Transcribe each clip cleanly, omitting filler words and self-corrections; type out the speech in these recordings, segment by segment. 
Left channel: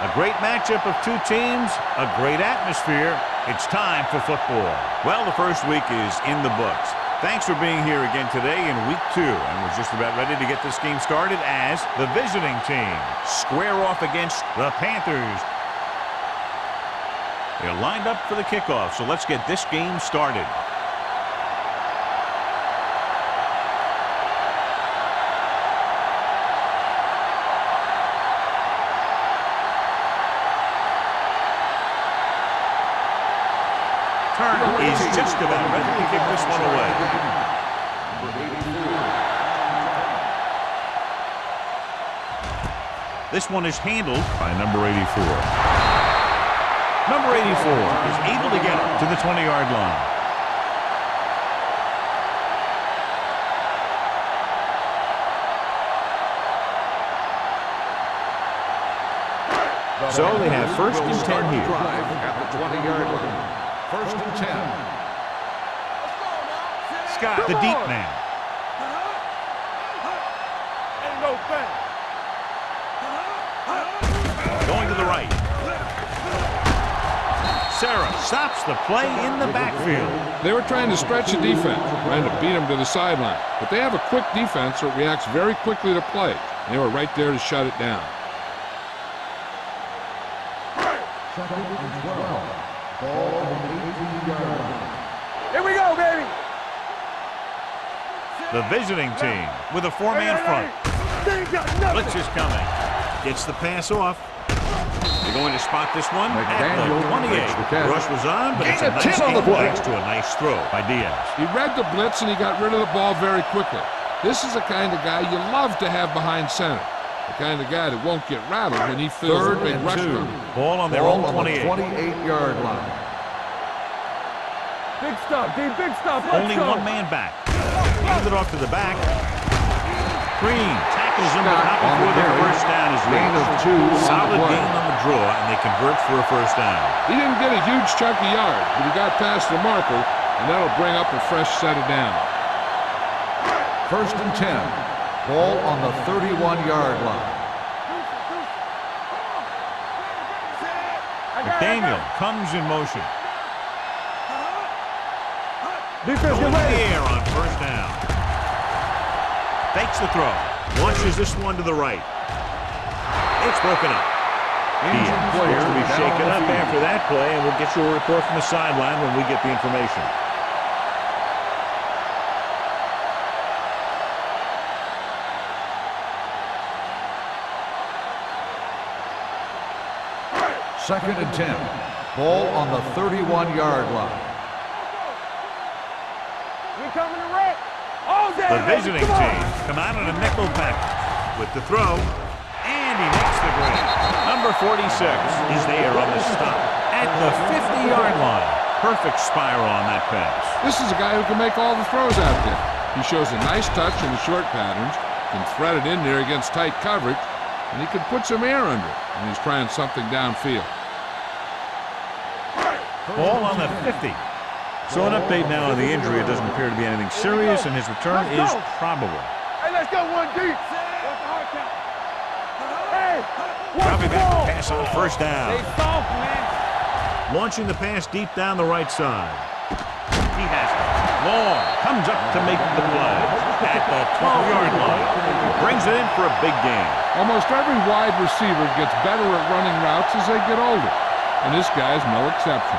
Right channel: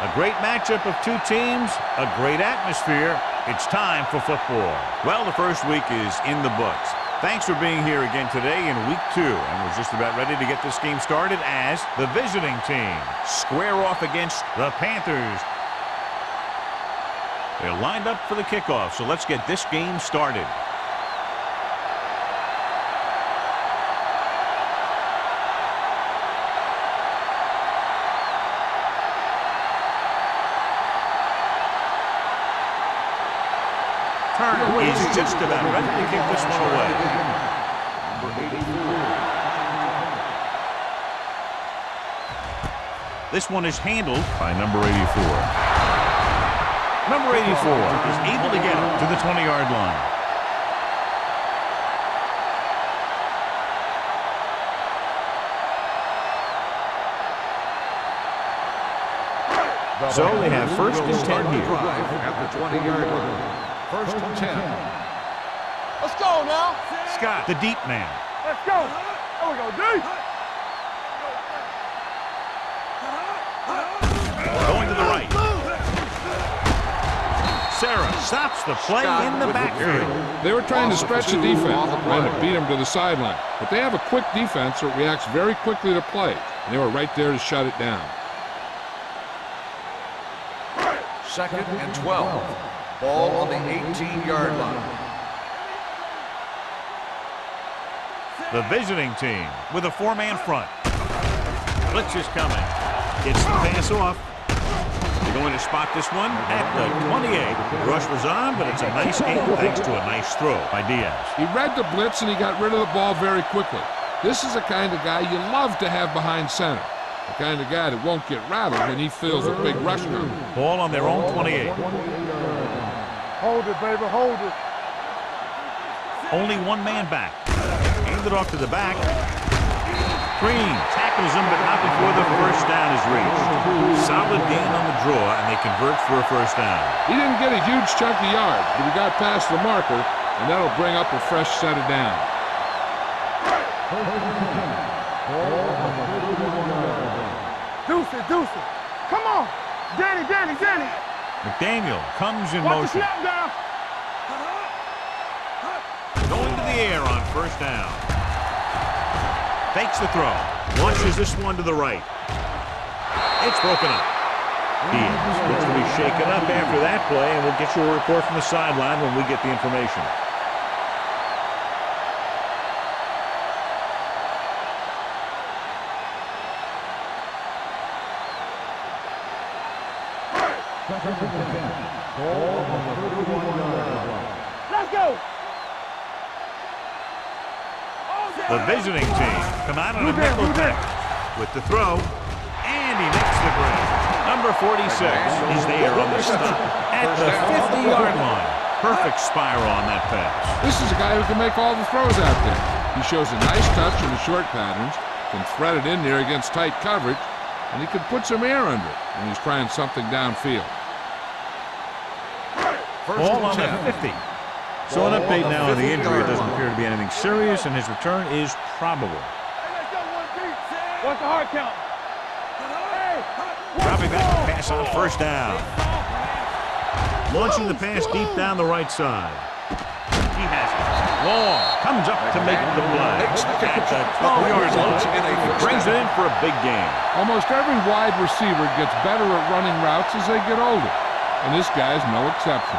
A great matchup of two teams, a great atmosphere. It's time for football. Well, the first week is in the books. Thanks for being here again today in week 2. And we're just about ready to get this game started as The visiting team square off against the Panthers. They're lined up for the kickoff, so let's get this game started. Turner is just about ready to kick this one away. Number 84. This one is handled by number 84. Number 84 is able to get it to the 20-yard line. So they have first and 10 here. At the 20-yard line. First and 10. Let's go now. Scott, the deep man. Let's go. There we go, D. Ain't no thing. Going to the right. Sarah stops the play in the backfield. They were trying to stretch the defense, trying to beat them to the sideline. But they have a quick defense that reacts very quickly to play. And they were right there to shut it down. Second and 12. Ball on the 18-yard line. Here we go, baby. The visiting team with a four-man front. Blitz is coming. Gets the pass off. They're going to spot this one at the 28. The rush was on, but it's a nice game thanks to a nice throw by Diaz. He read the blitz and he got rid of the ball very quickly. This is the kind of guy you love to have behind center. The kind of guy that won't get rattled when he feels a big rush coming. Ball on their own 28. 28-yard line. Hold it, baby, hold it. Big stuff, D, big stuff. Only one man back. Hand it off to the back. Green tackles him, but not before the first down is reached. Solid gain on the draw, and they convert for a first down. He didn't get a huge chunk of yards, but he got past the marker, and that'll bring up a fresh set of downs. First and 10. Ball on the 31-yard line. Deuce it, deuce it. Come on. Danny. McDaniel comes in motion. Going to the air on first down. Fakes the throw. Launches this one to the right. It's broken up. Diaz looks to be shaken up after that play, and we'll get you a report from the sideline when we get the information. Second and 10. Ball on the 31-yard line. Let's go. We coming to wreck. All day. The visiting team come out on a nickel package with the throw, and he makes the grab. Number 46 is there on the stop at the 50-yard line. Perfect spiral on that pass. This is a guy who can make all the throws out there. He shows a nice touch in the short patterns, can thread it in there against tight coverage, and he can put some air under it when he's trying something downfield. Ball on the 50. So an update now on the injury. It doesn't appear to be anything serious, and his return is probable. Hey, let's go one deep. What's the hard count? Hey, Dropping back to pass on first down. Stay soft, man. Launching the pass deep down the right side. He has it. Long comes up to make the play at the 12-yard line. He brings it in for a big gain. Almost every wide receiver gets better at running routes as they get older, and this guy's no exception.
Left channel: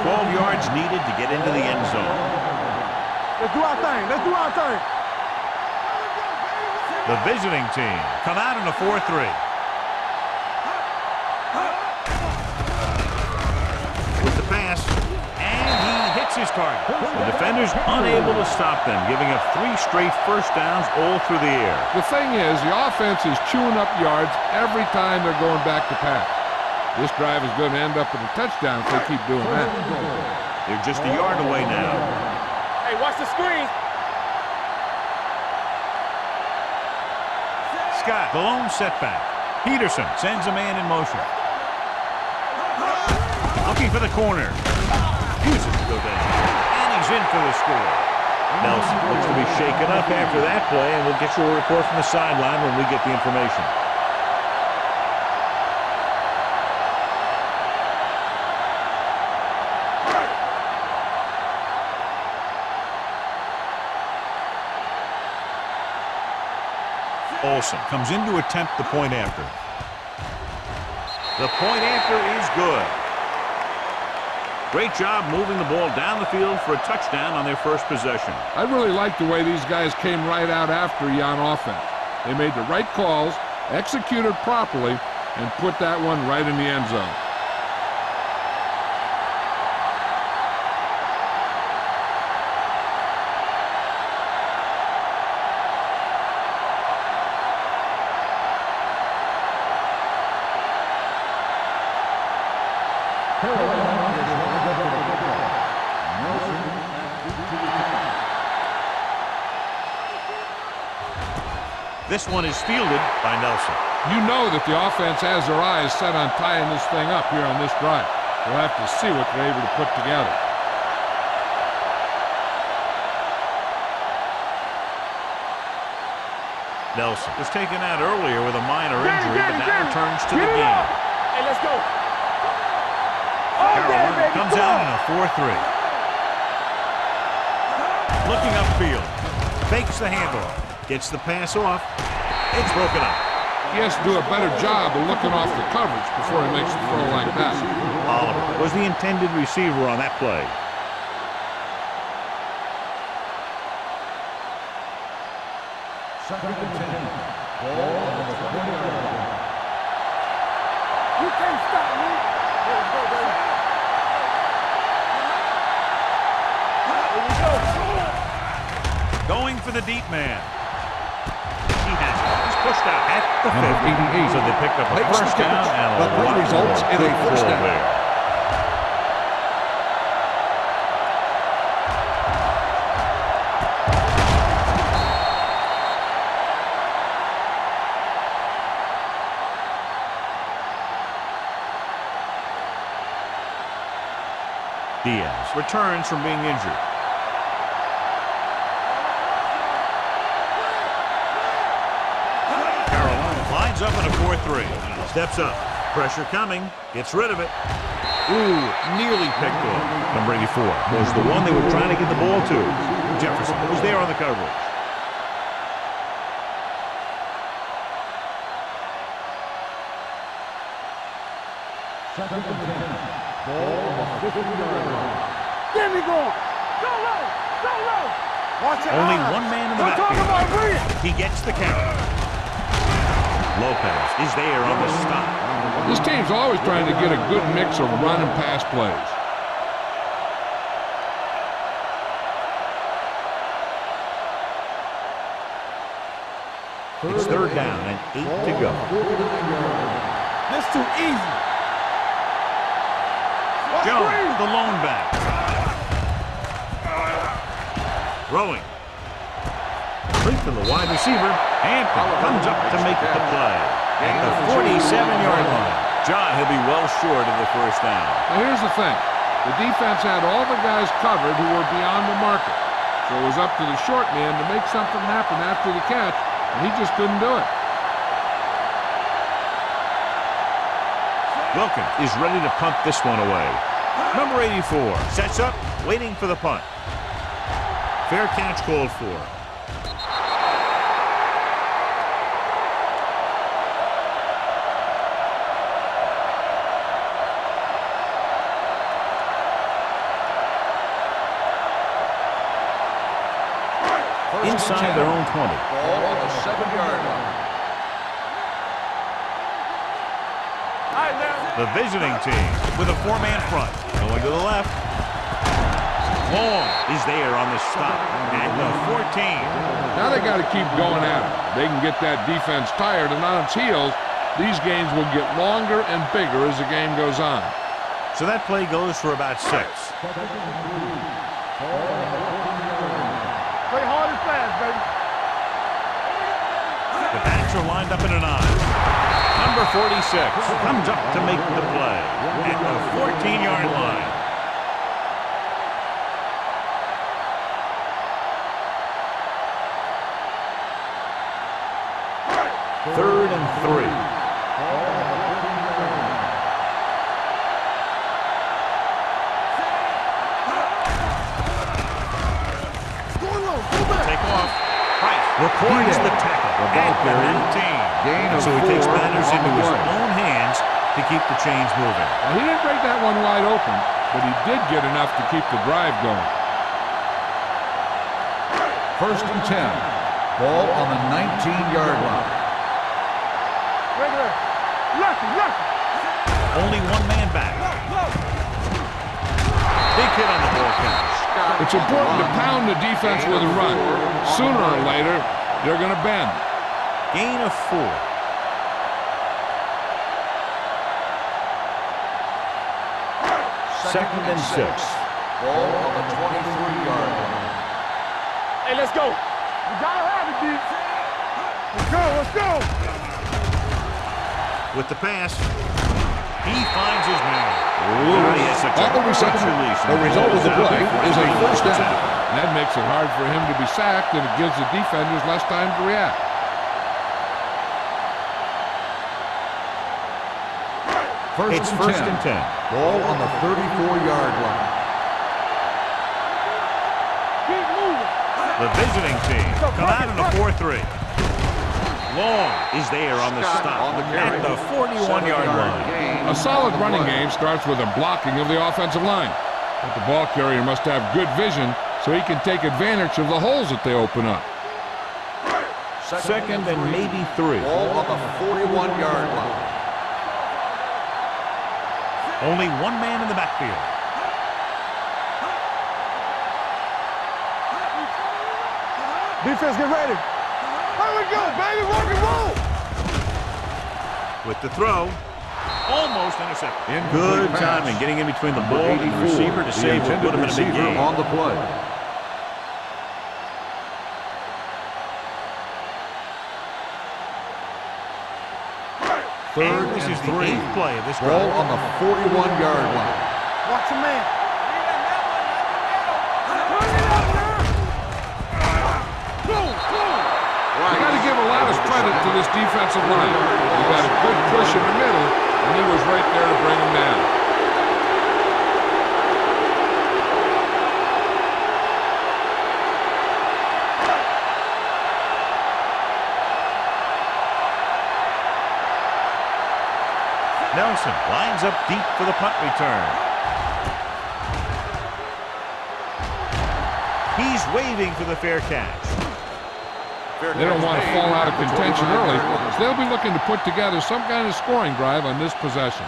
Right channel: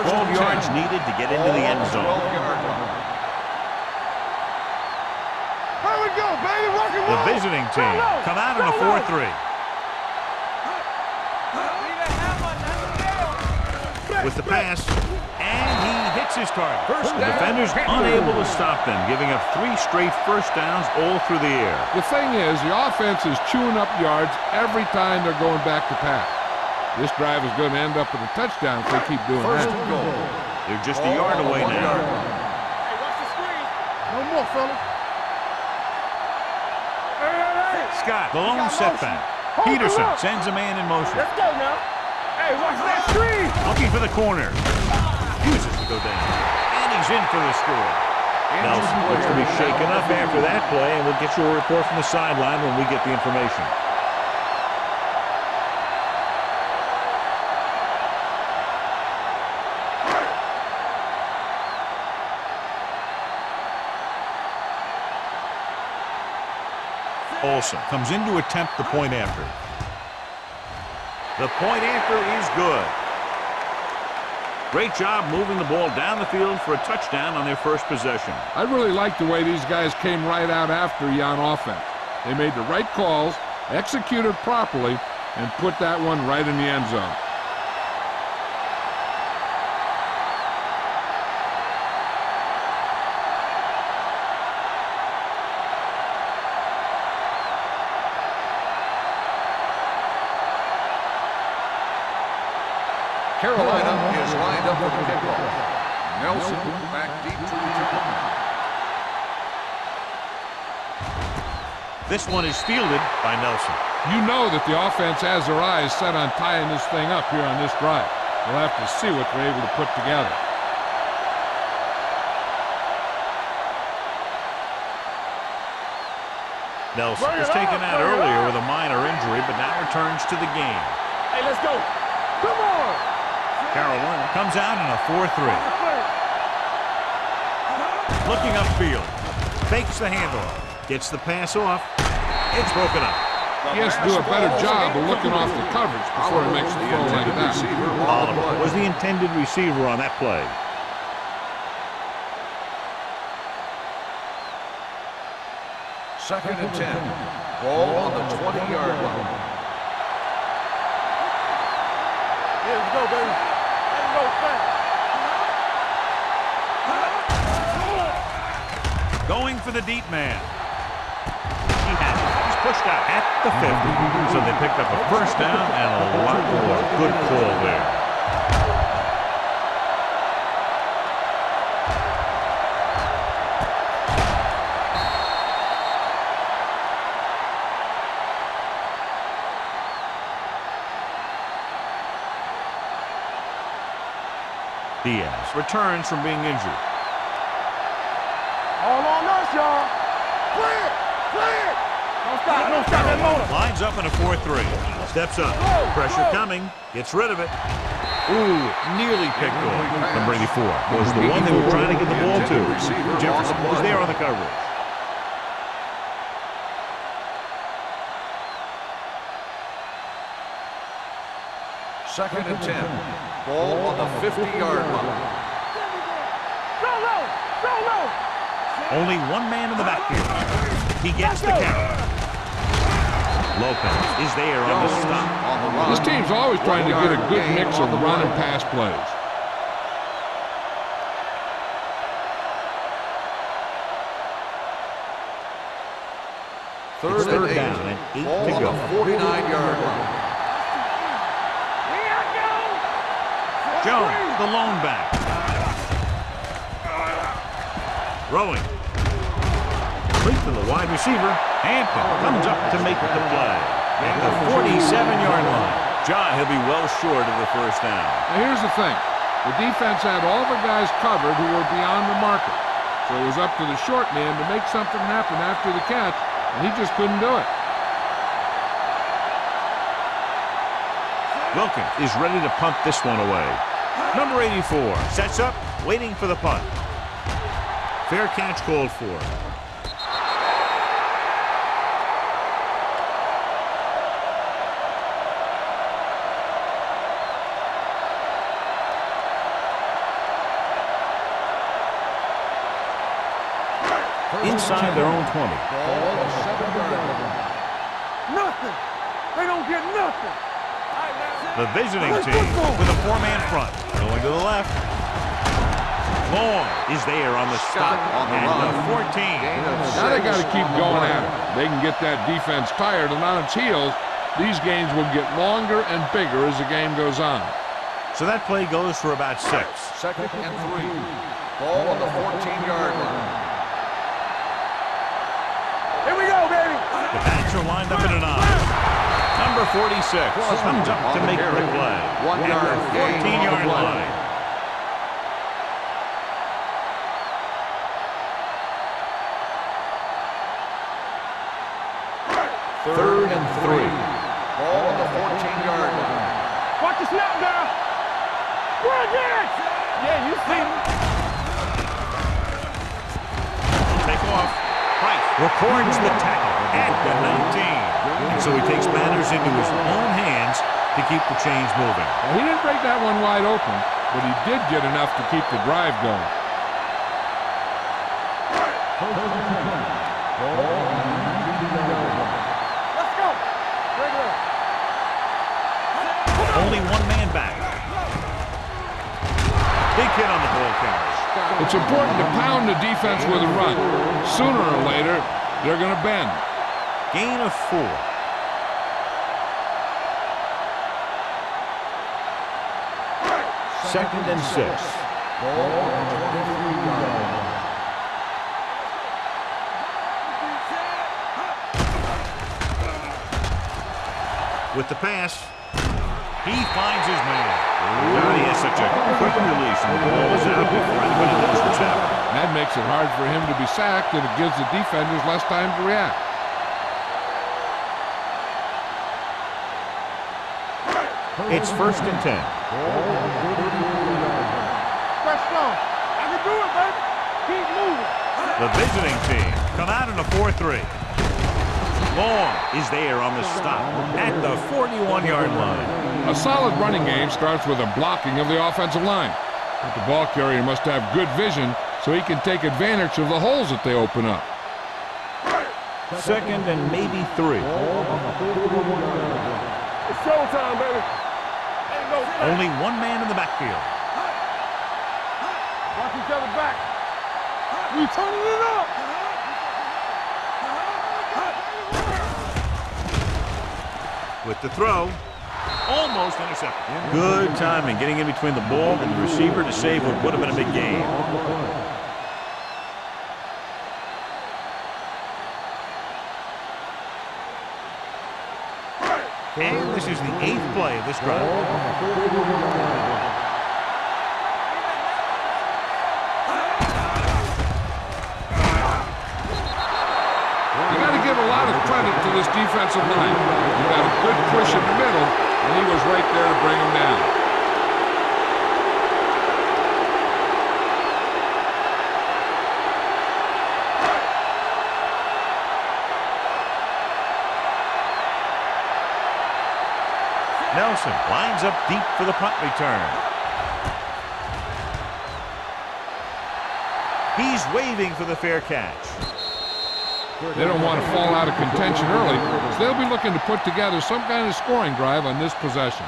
12 yards needed to get into the end zone. Let's do our thing. Let's do our thing. Here we go, baby. The visiting team come out in a 4-3. With the pass, and he hits his target. The defenders unable to stop them, giving up 3 straight first downs all through the air. The thing is, the offense is chewing up yards every time they're going back to pass. This drive is going to end up with a touchdown if they keep doing that. They're just a yard away now. Hey, watch the screen. One more, fella. Scott, the lone setback. Peterson sends a man in motion. Looking for the corner. Refuses to go down. And he's in for the score. Nelson looks to be shaken up after that play, and we'll get you a report from the sideline when we get the information. Olsen comes in to attempt the point after. The point after is good. Great job moving the ball down the field for a touchdown on their first possession. I really like the way these guys came right out after you on offense. They made the right calls, executed properly, and put that one right in the end zone. Carolina is lined up for the kickoff. Nelson back deep to return. This one is fielded by Nelson. You know that the offense has their eyes set on tying this thing up here on this drive. We'll have to see what they're able to put together. Nelson was taken out earlier with a minor injury, but now returns to the game. Hey, let's go. Carolina comes out in a 4-3. Looking upfield. Fakes the handoff. Gets the pass off. It's broken up. He has to do a better job of looking off the coverage before he makes the throw like that. Oliver was the intended receiver on that play. Second and 10. Ball on the 20-yard line. Yeah, let's go, baby. Going for the deep man. He has it. He's pushed out at the 50. So they picked up a first down and a lot more. Good call there. Diaz returns from being injured. Carolina lines up in a 4-3. Steps up. Pressure coming. Gets rid of it. Ooh, nearly picked off. Number 84 was the one they were trying to get the ball to. Jefferson was there on the coverage. Second and 10. Ball on the 50-yard line. There we go. Go low. Go low. Only one man in the backfield. He gets the count. Lopez is there on the stop. This team's always trying to get a good mix of run and pass plays. It's third down and 8 to go. 49-yard line. That's too easy. Jones, the lone back. Throwing. Complete to the wide receiver. Hampton comes up to make the play at the 47-yard line. John, he'll be well short of the first down. Now here's the thing. The defense had all the guys covered who were beyond the marker. So it was up to the short man to make something happen after the catch, and he just couldn't do it. Wilkins is ready to punt this one away. Number 84 sets up, waiting for the punt. Fair catch called for. Inside their own 20. Ball on the 7-yard line. Nothing. They don't get nothing. All right, now. The visiting team with a four-man front. Going to the left. Long is there on the stop at the 14. Now they got to keep going at it. They can get that defense tired and on its heels. These games will get longer and bigger as the game goes on. So that play goes for about 6. Second and 3. Ball on the 14-yard line. Play hard and fast, baby. Here we go, baby. The backs are lined up in an eye. Number 46 comes up to make the play at the 14-yard line. Third and 3. Ball on the 14-yard line. Watch the snap, girl. We're again. Yeah, you see it. Take off. records the tackle at the 19. And so he takes matters into his own hands to keep the chains moving. Now, he didn't break that one wide open, but he did get enough to keep the drive going. First and 10. Ball on the 19-yard line. Let's go. Regular. Lucky. Only one man back. Big hit on the ball carrier. It's important to pound the defense with a run. Sooner or later, they're going to bend. Gain of 4. Second and 6. Ball on the 23-yard line. Hey, let's go. You gotta have it, D. Let's go. With the pass, he finds his man. God, he has such a quick release, and the ball is out before he knows what's happening. And that makes it hard for him to be sacked, and it gives the defenders less time to react. It's first and 10. Ball on the 34-yard line. Press strong. You can do it, man. Keep moving. The visiting team come out in a 4-3. Long is there on the stop at the 41-yard line. A solid running game starts with a blocking of the offensive line. But the ball carrier must have good vision so he can take advantage of the holes that they open up. Second and maybe 3. Ball on the 41-yard line. It's showtime, baby. Only one man in the backfield. We turning it up. Defense, get ready. Here we go, baby. Where we go? With the throw, almost intercepted. Good timing, getting in between the ball and the receiver to save what would have been a big gain. On the play. And this is the 8th play of this drive. Ball on the 41-yard line. Watch your man. You got to give a lot of credit to this defensive line. He got a good push in the middle, and he was right there to bring him down. Nelson lines up deep for the punt return. He's waving for the fair catch. They don't want to fall out of contention early, so they'll be looking to put together some kind of scoring drive on this possession.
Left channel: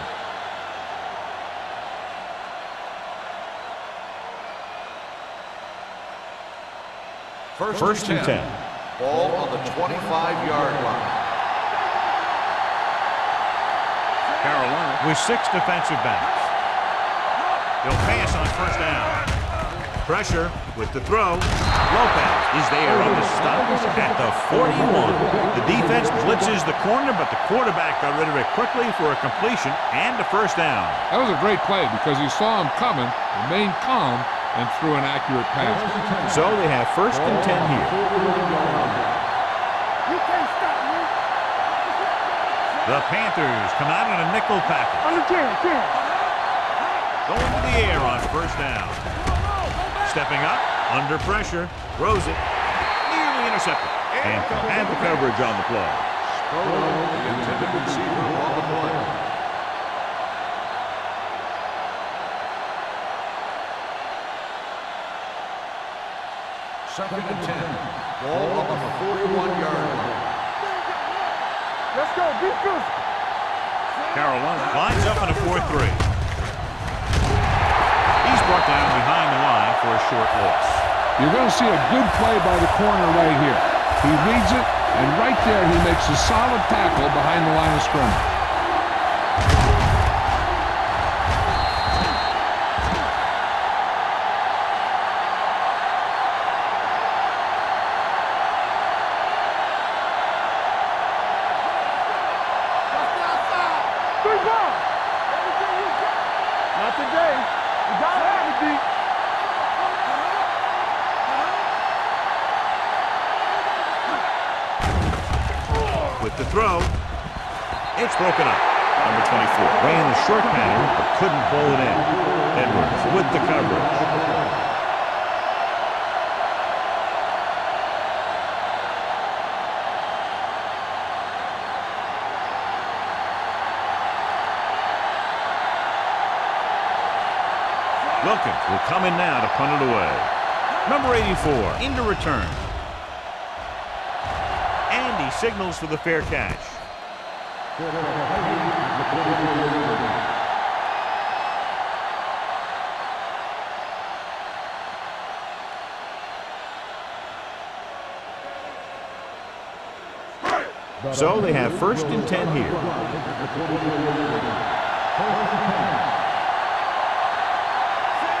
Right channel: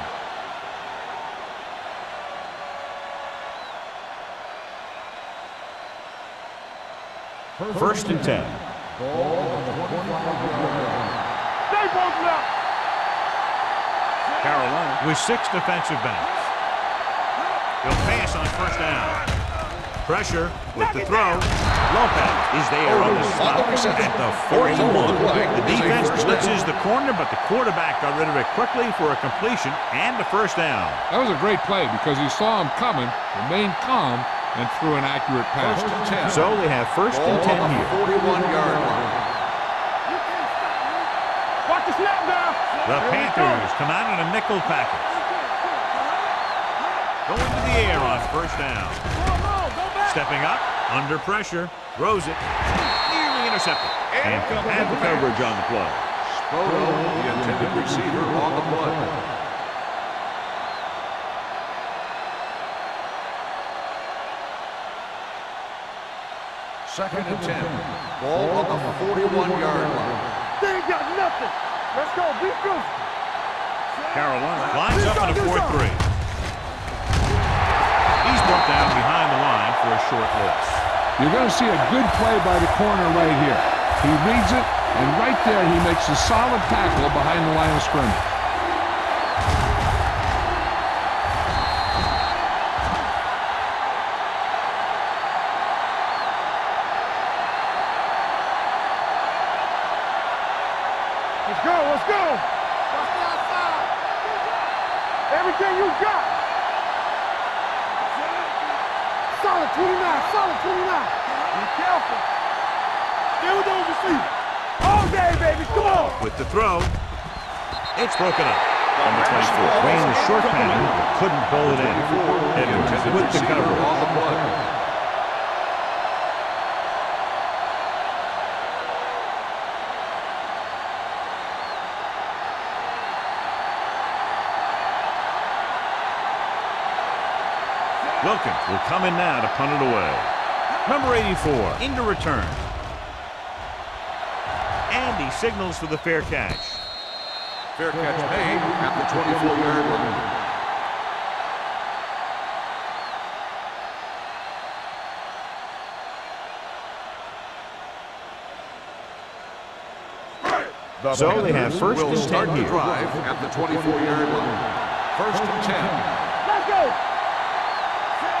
First and 10. Ball on the 25-yard line. Carolina with 6 defensive backs. They'll pass on first down. Pressure with the throw. Lopez is there on the stop at the 41. The defense blitzes the corner, but the quarterback got rid of it quickly for a completion and a first down. That was a great play because he saw him coming, remained calm, and threw an accurate pass. So they have first and 10 here. You can't stop me. Watch the snap down. The Panthers come out in a nickel package. Under 10. Going to the air on first down. Stepping up, under pressure, throws it, nearly intercepted. And had the coverage on the play. Spoto, the intended receiver, on the play. Second and 10. Ball on the 41-yard line. They ain't got nothing. Let's go. Be physical. Carolina lines up in a 4-3. He's brought down behind the line for a short loss. You're going to see a good play by the corner right here. He reads it, and right there he makes a solid tackle behind the line of scrimmage. Let's go. Watch the outside. 3 ball. Everything you got. Not today. You got to be solid 29. Solid 29. Be careful. Still those receivers. All day, baby. Go on. With the throw, it's broken up. Number 24 ran the short pattern but couldn't pull it in. Edwards with the coverage. Wilkins will come in now to punt it away. Number 84 into return. And he signals for the fair catch. Fair catch made at the 24-yard line. So they have first and 10 here. At the 24-yard line. First and 10.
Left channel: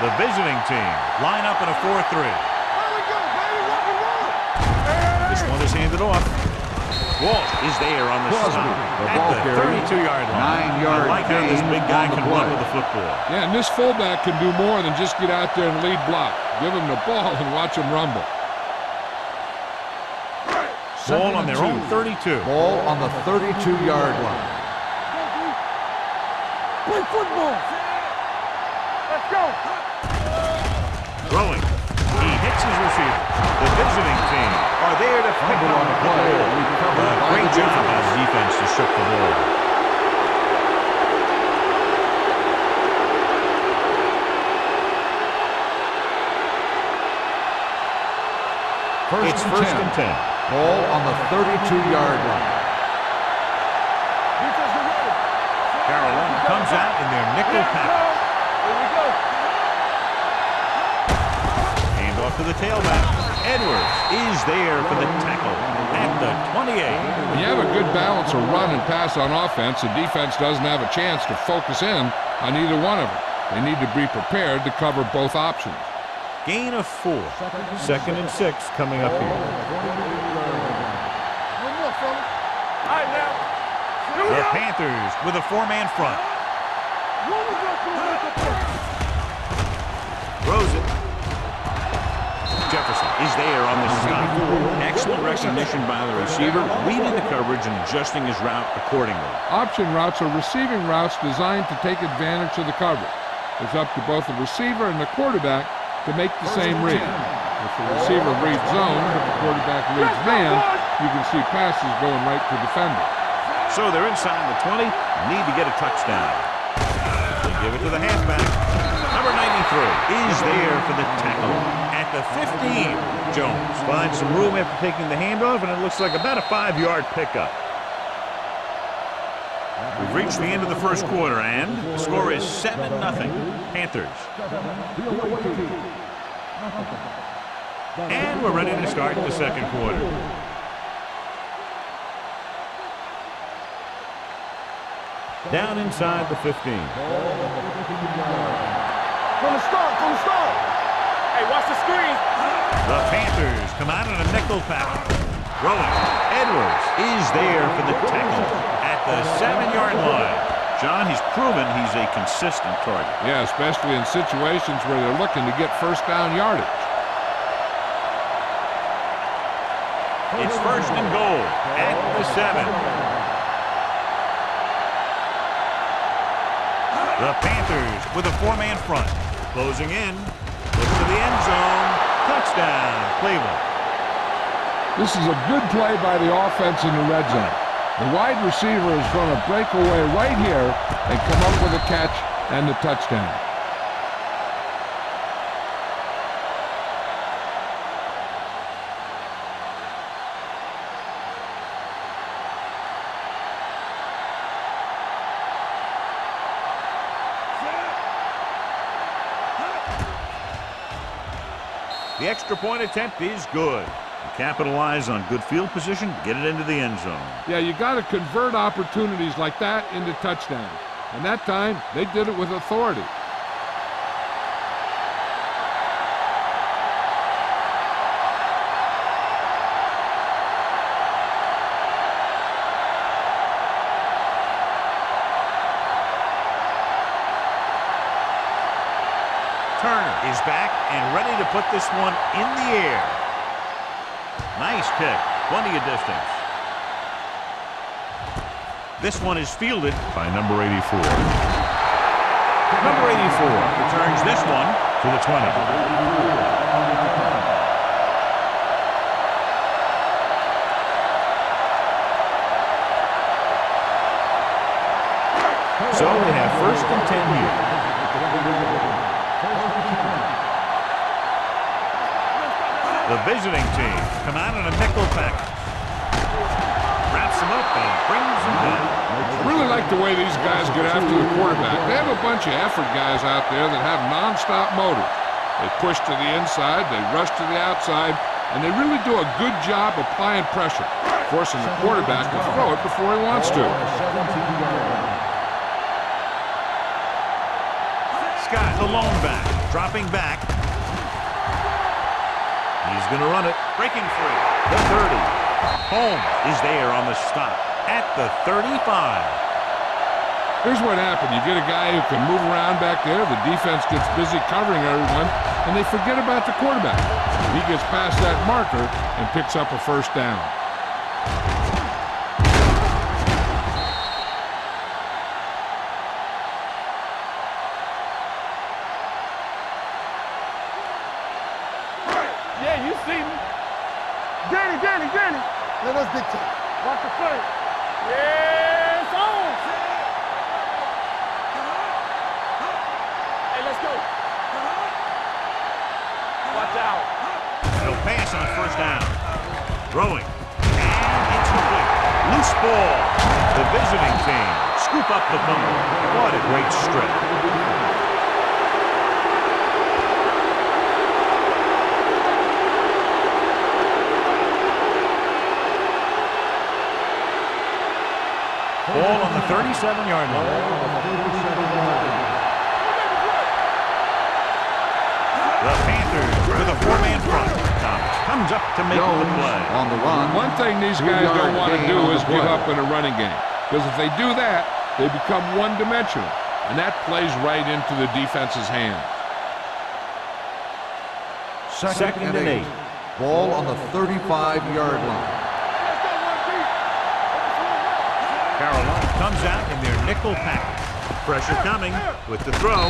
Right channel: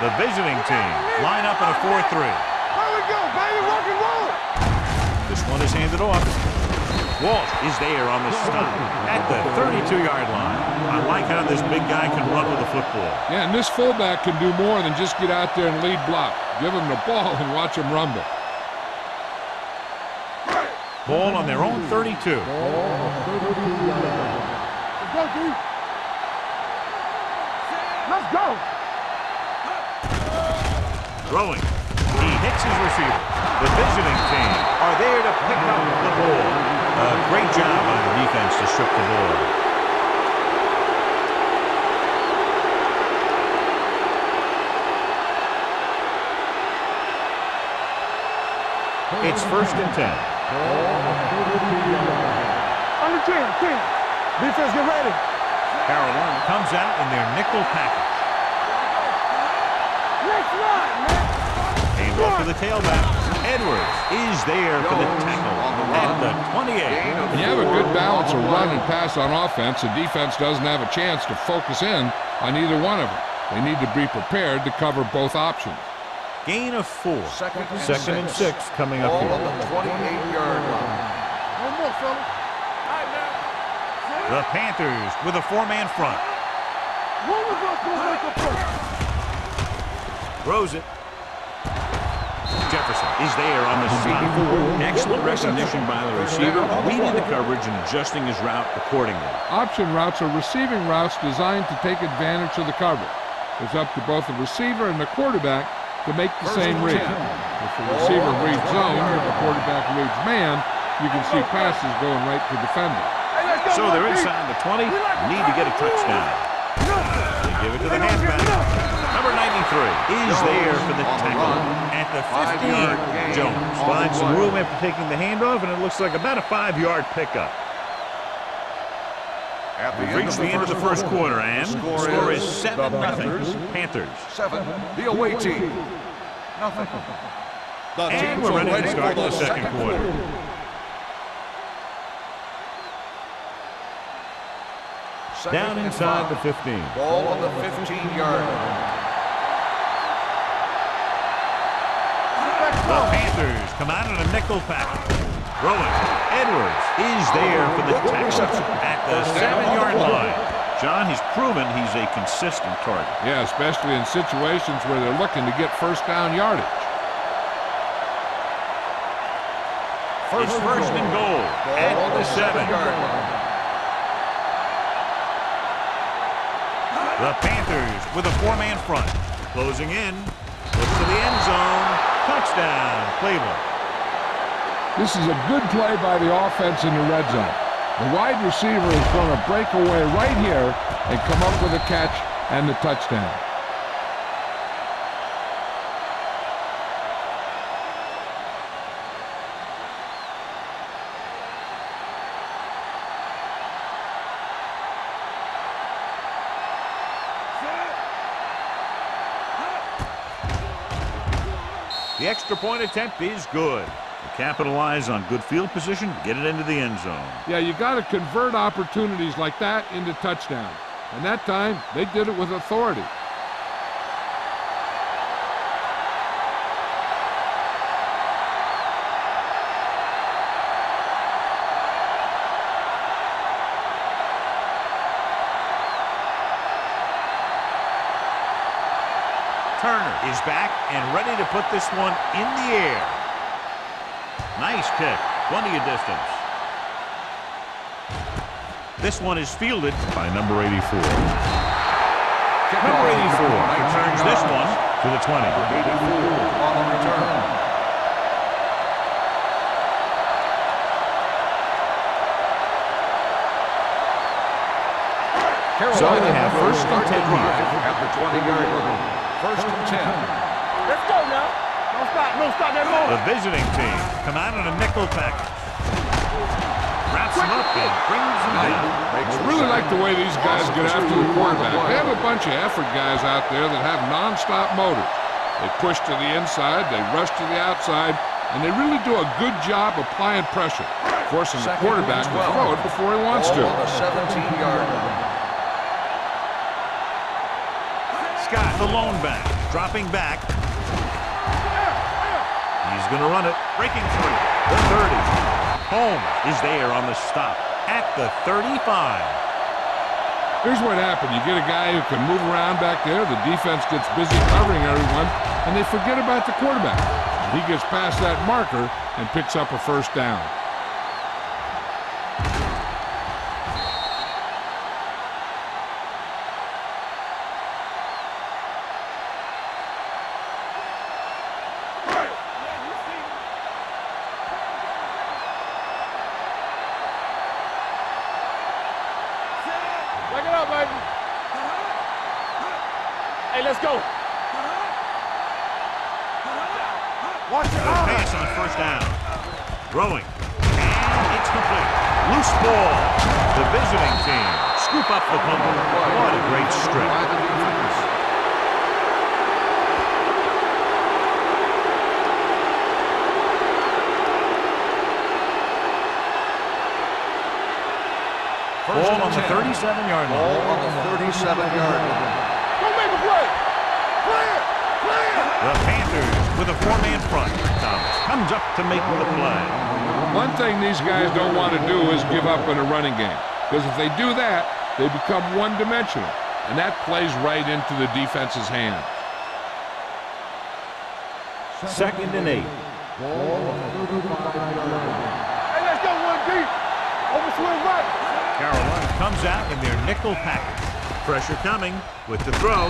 The visiting team line up in a 4-3. Here we go, baby. Rock and roll. This one is handed off. Walsh is there on the stop at the 32-yard line. I like how this big guy can run with the football. Yeah, and this fullback can do more than just get out there and lead block. Give him the ball and watch him rumble. Ball on their own 32. Ball on the 32-yard line. Let's go, D. Play football. Let's go. Let's go. Throwing. He hits his receiver. The visiting team are there to pick up the ball. Great job by the defense to strip the ball. It's first and 10. Ball on the 32-yard line. Under 10. Defense, get ready. Carolina comes out in their nickel package. Here we go. Hand off to the tailback. Edwards is there for the tackle at the 28. When you have a good balance of run and pass on offense, the defense doesn't have a chance to focus in on either one of them. They need to be prepared to cover both options. Gain of 4. Second and 6 coming up here. No more, fellas. All right, now. The Panthers with a 4-man front. One of us will make a play. Throws it. Jefferson is there on the stop. Excellent recognition by the receiver, reading the coverage and adjusting his route accordingly. Option routes are receiving routes designed to take advantage of the coverage. It's up to both the receiver and the quarterback to make the same read. If the receiver reads zone, but the quarterback reads man, you can see passes going right to defenders. So they're inside the 20, need to get a touchdown. They give it to the halfback. Number 93 is there for the tackle at the 15. Jones finds some room after taking the handoff, and it looks like about a 5-yard pickup. We've reached the end of the first quarter, and the score is 7-0. Panthers. 7, the away team. Nothing. And we're ready to start the second quarter. Down inside the 15. Ball on the 15-yard line. From the start. Hey, watch the screen. The Panthers come out in a nickel pack. Throwing. Edwards is there for the tackle at the 7-yard line. John, he's proven he's a consistent target. Yeah, especially in situations where they're looking to get first down yardage. It's first and goal at the 7. The Panthers with a 4-man front. Closing in. Looks to the end zone. Touchdown, Cleveland. This is a good play by the offense in the red zone. The wide receiver is going to break away right here and come up with a catch and the touchdown. The extra point attempt is good. They capitalize on good field position to get it into the end zone. Yeah, you got to convert opportunities like that into touchdowns. And that time, they did it with authority. Turner is back and ready to put this one in the air. Nice kick, plenty of distance. This one is fielded by number 84. Number 84 returns this one to the 20. So they have first and 10 here. At the 20-yard line. First and 10. Let's go now. Don't stop that ball. The visiting team come out in a nickel package. Wraps him up and brings him down. I really like the way these guys get after the quarterback. They have a bunch of effort guys out there that have nonstop motors. They push to the inside, they rush to the outside, and they really do a good job applying pressure, forcing the quarterback to throw it before he wants to. 17-yard line. Scott, the lone back, dropping back. He's going to run it, breaking free. The 30. Holmes is there on the stop at the 35. Here's what happened. You get a guy who can move around back there. The defense gets busy covering everyone, and they forget about the quarterback. He gets past that marker and picks up a first down. Yeah, you see me. Danny. Let us dictate. Watch the play. Yeah, it's on. Back it up, baby. Hey, let's go. Watch out. No pass on first down. Throwing. And it's complete. Loose ball. The visiting team scoop up the fumble. What a great strip. Ball on the 37-yard Ball line. on the 37-yard line. Go make a play. The Panthers with a four-man front. Thomas comes up to make the play. On the run. One thing these guys don't want to do is give up in a running game, because if they do that, they become one-dimensional, and that plays right into the defense's hands. Second and 8. Ball on the 35-yard line. Hey, let's go one deep. Over swing right. Carolina comes out in their nickel package. Pressure coming with the throw.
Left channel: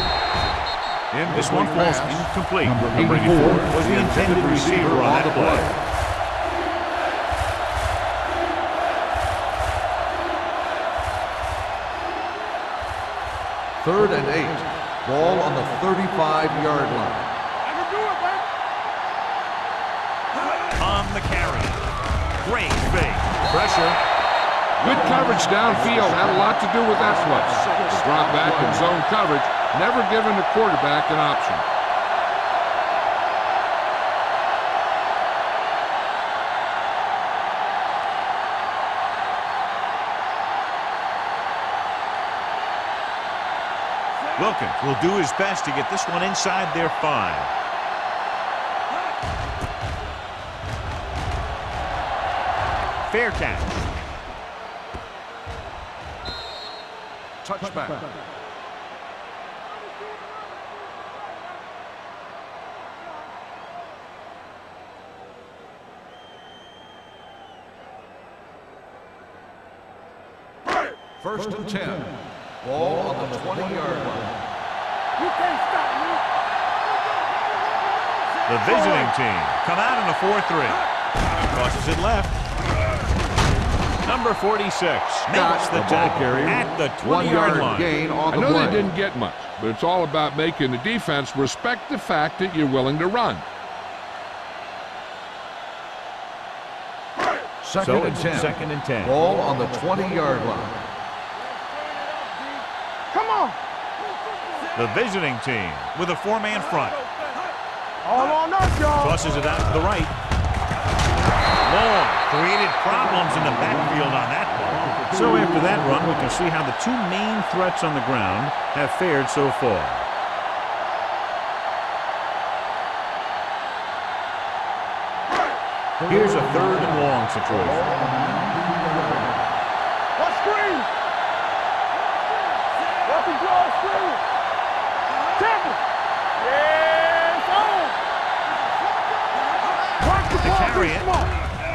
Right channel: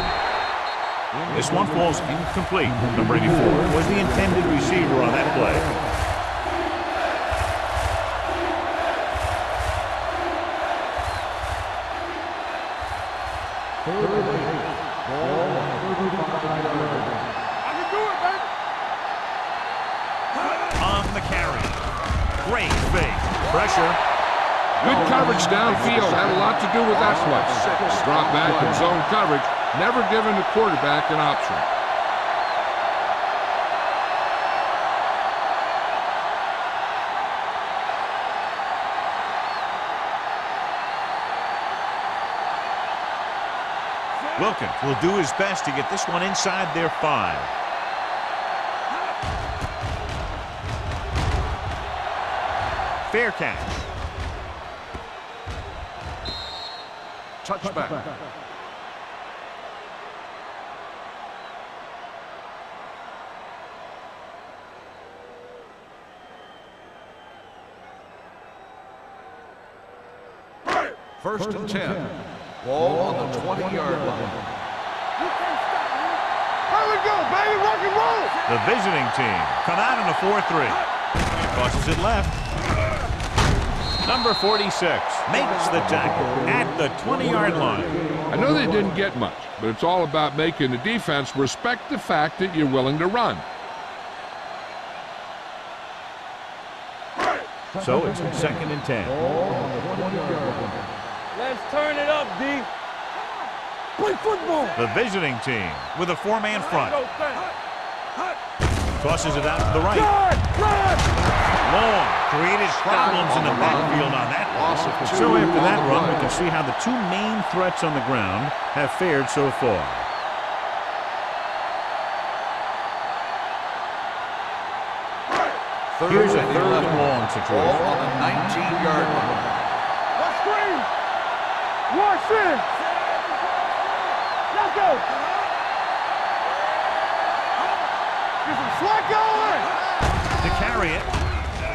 This one falls incomplete. Number 84 was the intended receiver on that play. Third and 8. Ball on the 35-yard line. I can do it, baby. On the carry. Great fake. Pressure. Good coverage downfield had a lot to do with that play. The drop back and zone coverage, never giving the quarterback an option. Wilkins will do his best to get this one inside their 5. Fair catch. Touchback. First and 10. Ball on the 20-yard line. You can't stop me. Here we go, baby. Rock and roll. The visiting team come out in a 4-3. Crosses it left. Number 46 makes the tackle at the 20-yard line. I know they didn't get much, but it's all about making the defense respect the fact that you're willing to run. So it's second and 10. Ball on the 20-yard line. Let's turn it up, D. Come on. Play football. The visiting team with a four-man front. All on up, y'all. Tosses it out to the right. Long created problems in the backfield on that one. So after that run, we can see how the two main threats on the ground have fared so far. Here's a third and long situation. Ball on the 19-yard line. One screen. One sin. Watch him draw a screen. Let's go. Tackle. To carry it.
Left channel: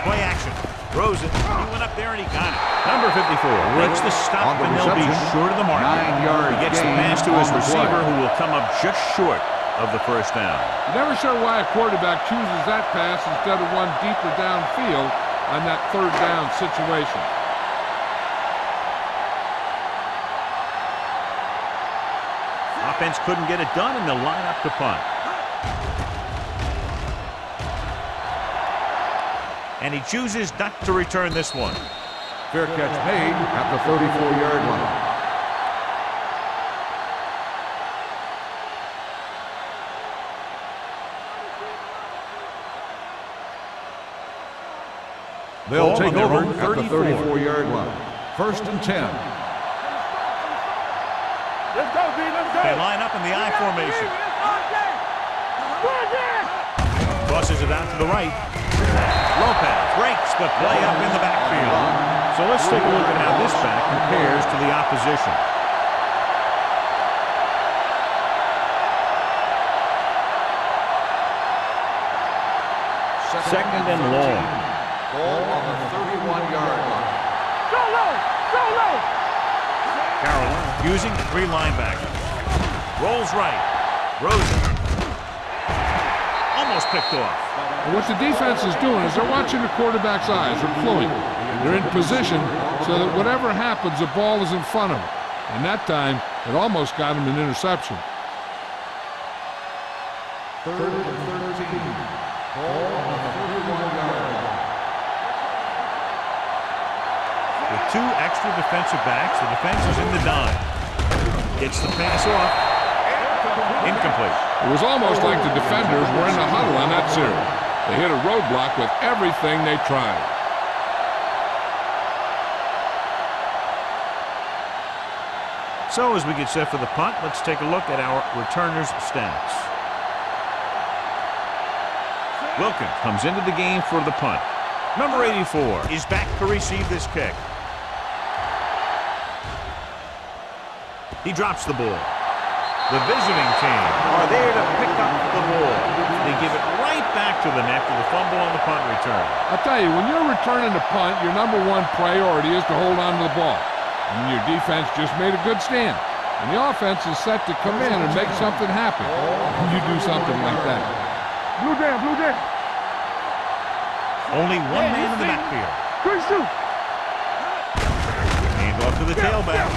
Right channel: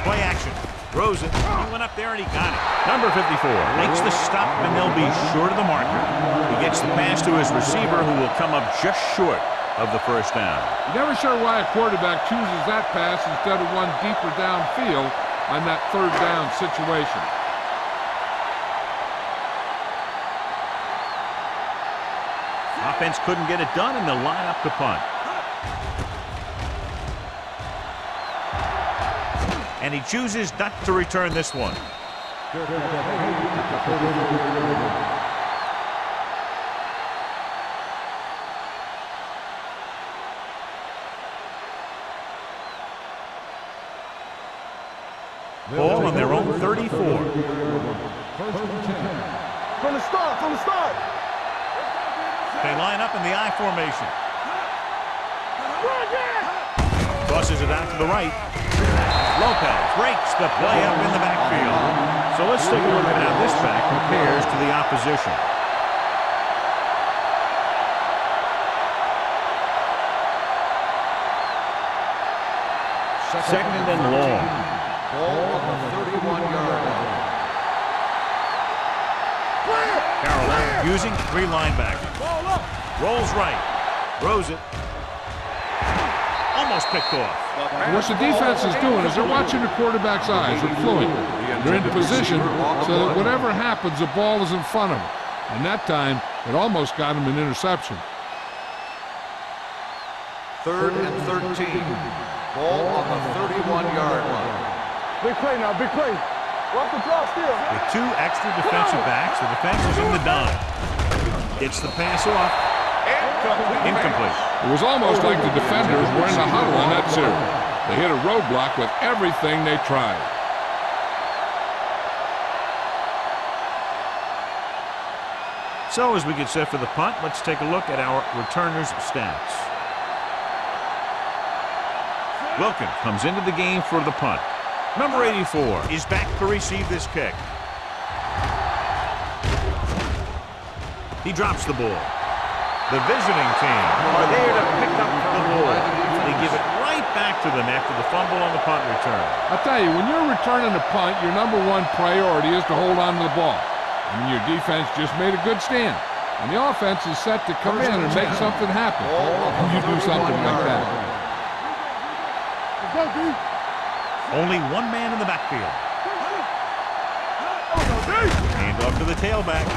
Play action. Throws it. He went up there and he got it. Number 54 makes the stop and they'll be short of the marker. He gets the pass to his receiver who will come up just short of the first down. You're never sure why a quarterback chooses that pass instead of one deeper downfield on that third down situation. Offense couldn't get it done, and they'll line up to punt. And he chooses not to return this one. Fair catch made at the 34-yard line. Ball on their own 34. 34-yard line. First and 10. From the start. Let's go, B. Let's go. They line up in the I formation. Go again. Tosses it out to the right. Lopez breaks the play up in the backfield. So let's take a look at how this back compares to the opposition. Second and long. Ball on the 31-yard line. Carolina using 3 linebackers. Rolls right. Rosen almost picked off. And what the defense is doing is they're watching the quarterback's eyes. They're cluing. They're in position so that whatever happens, the ball is in front of them. And that time, it almost got him an interception. Third and 13. Ball on the 31-yard line. Big play now, big play. Walk the ball still. With 2 extra defensive backs, the defense is in the dime. Gets the pass off. Incomplete. It was almost like the defenders were in the huddle on that series. They hit a roadblock with everything they tried. So as we get set for the punt, let's take a look at our returners' stats. Wilkins comes into the game for the punt. Number 84 is back to receive this kick. He drops the ball. The visiting team are there to pick up the ball. They give it right back to them after the fumble on the punt return. I'll tell you, when you're returning a punt, your number 1 priority is to hold on to the ball. I mean, your defense just made a good stand. And the offense is set to come in and make something happen. And you do something like that. Blue down. Let's go, B. Only 1 man in the backfield. Good shoot. Hand off to the tailback.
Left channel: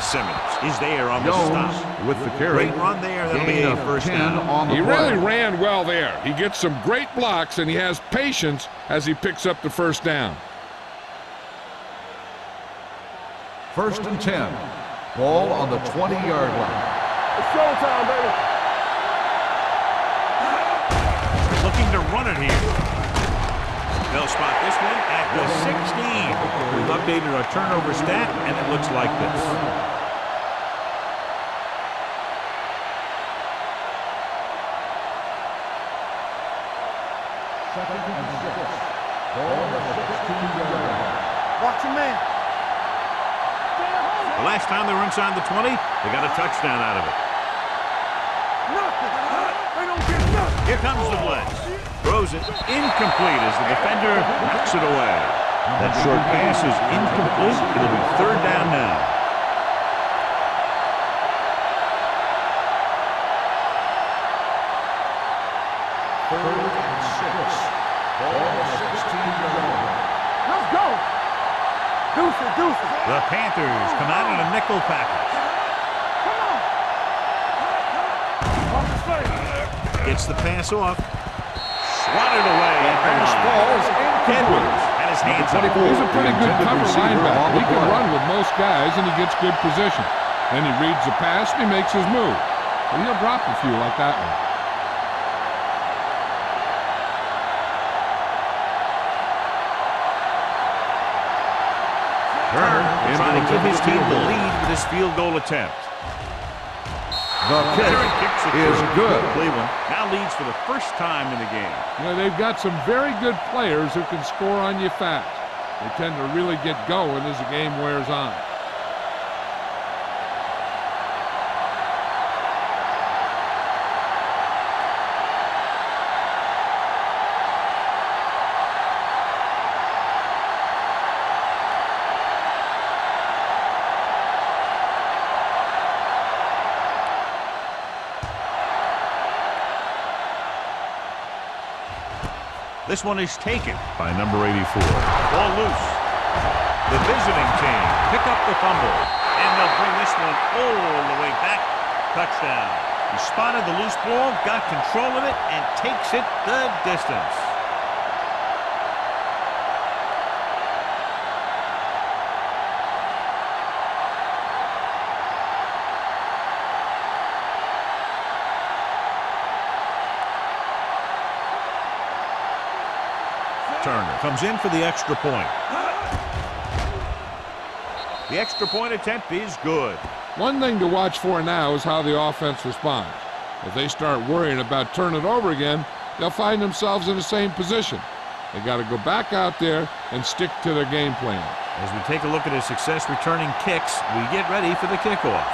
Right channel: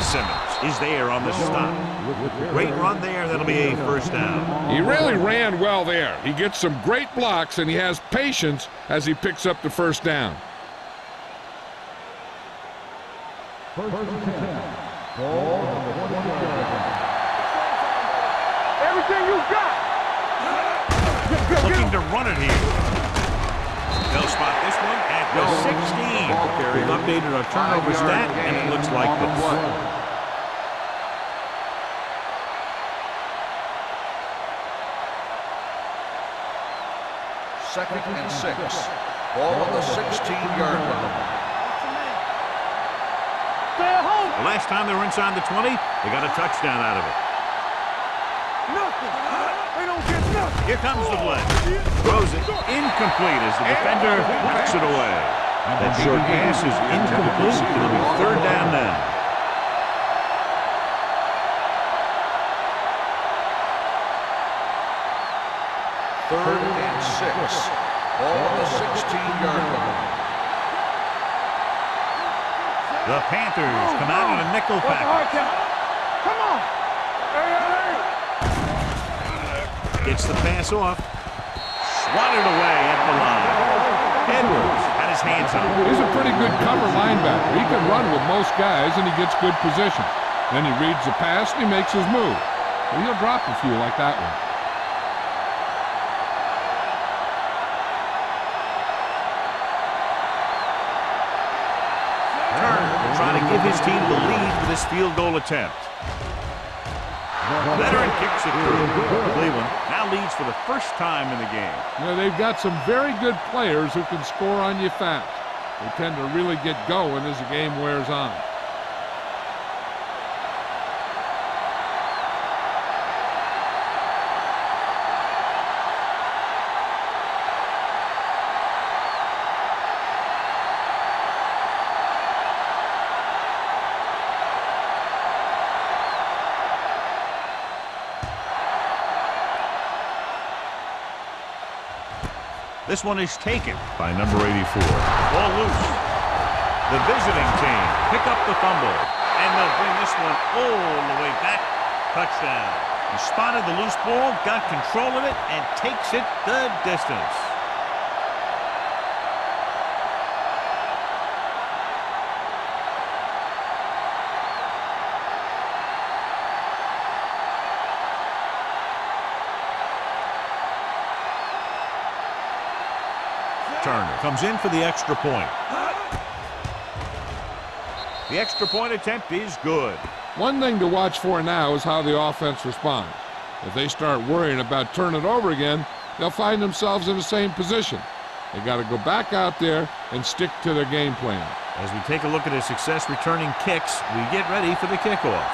Simmons is there on the stop. With the carry. Great run there. That'll be a first down. He really ran well there. He gets some great blocks, and he has patience as he picks up the first down. First and 10. Ball on the 20-yard line. It's showtime, baby. Everything you got. Looking to run it here. They'll spot this one at the 16. We've updated our turnover stat, and it looks like this. Second and 6. Ball on the 16-yard line. Watch your man. Stay at home. The last time they were inside the 20, they got a touchdown out of it. Nothing. They don't get nothing. Here comes the blitz. Throws it incomplete as the defender knocks it away. That short pass is incomplete. It'll be third down now. Third and 6. Ball on the 16-yard line. Let's go. Deuces. The Panthers come out in a nickel package. Come on. Gets the pass off. Swatted away at the line. Edwards had his hands up. He's a pretty good cover linebacker. He can run with most guys, and he gets good position. Then he reads the pass, and he makes his move. But he'll drop a few like that one. Turner will try to give his team the lead with this field goal attempt. Veteran kicks it through. Good. Cleveland now leads for the first time in the game. You know, they've got some very good players who can score on you fast. They tend to really get going as the game wears on. This one is taken by number 84. Ball loose. The visiting team pick up the fumble, and they'll bring this one all the way back Touchdown. He spotted the loose ball, got control of it, and takes it the distance. Turner comes in for the extra point. The extra point attempt is good. One thing to watch for now is how the offense responds. If they start worrying about turning it over again, they'll find themselves in the same position. They got to go back out there and stick to their game plan. As we take a look at his success returning kicks, we get ready for the kickoff.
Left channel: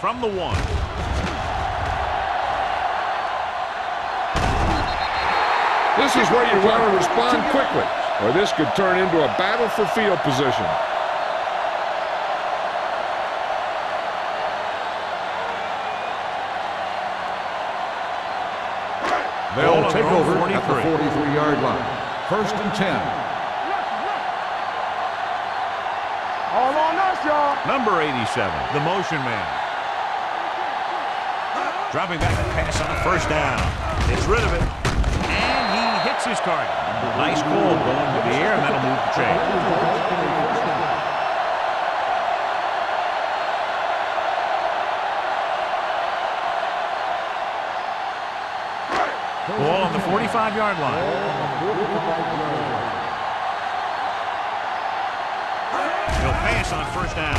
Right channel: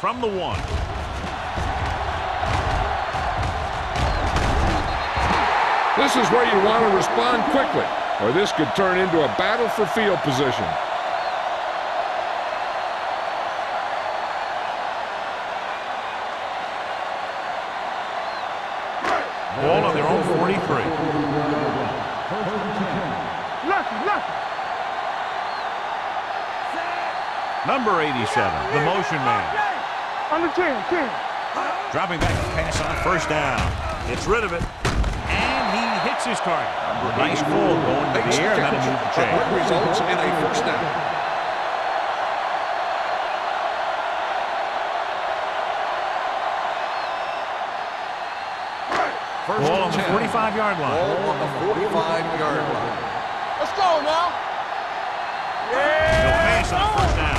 From the 1. This is where you want to respond quickly, or this could turn into a battle for field position. Ball on their own 43. 43-yard line. First and 10. Lucky. All on us, y'all. Number 87, the motion man. Under 10. Dropping back to pass on first down. Gets rid of it. And he hits his target. Nice call going to the air, and that'll move the chain. Results in a first down. Ball on the 45-yard line. Ball on the 45-yard line. Let's go now. He'll pass on first down.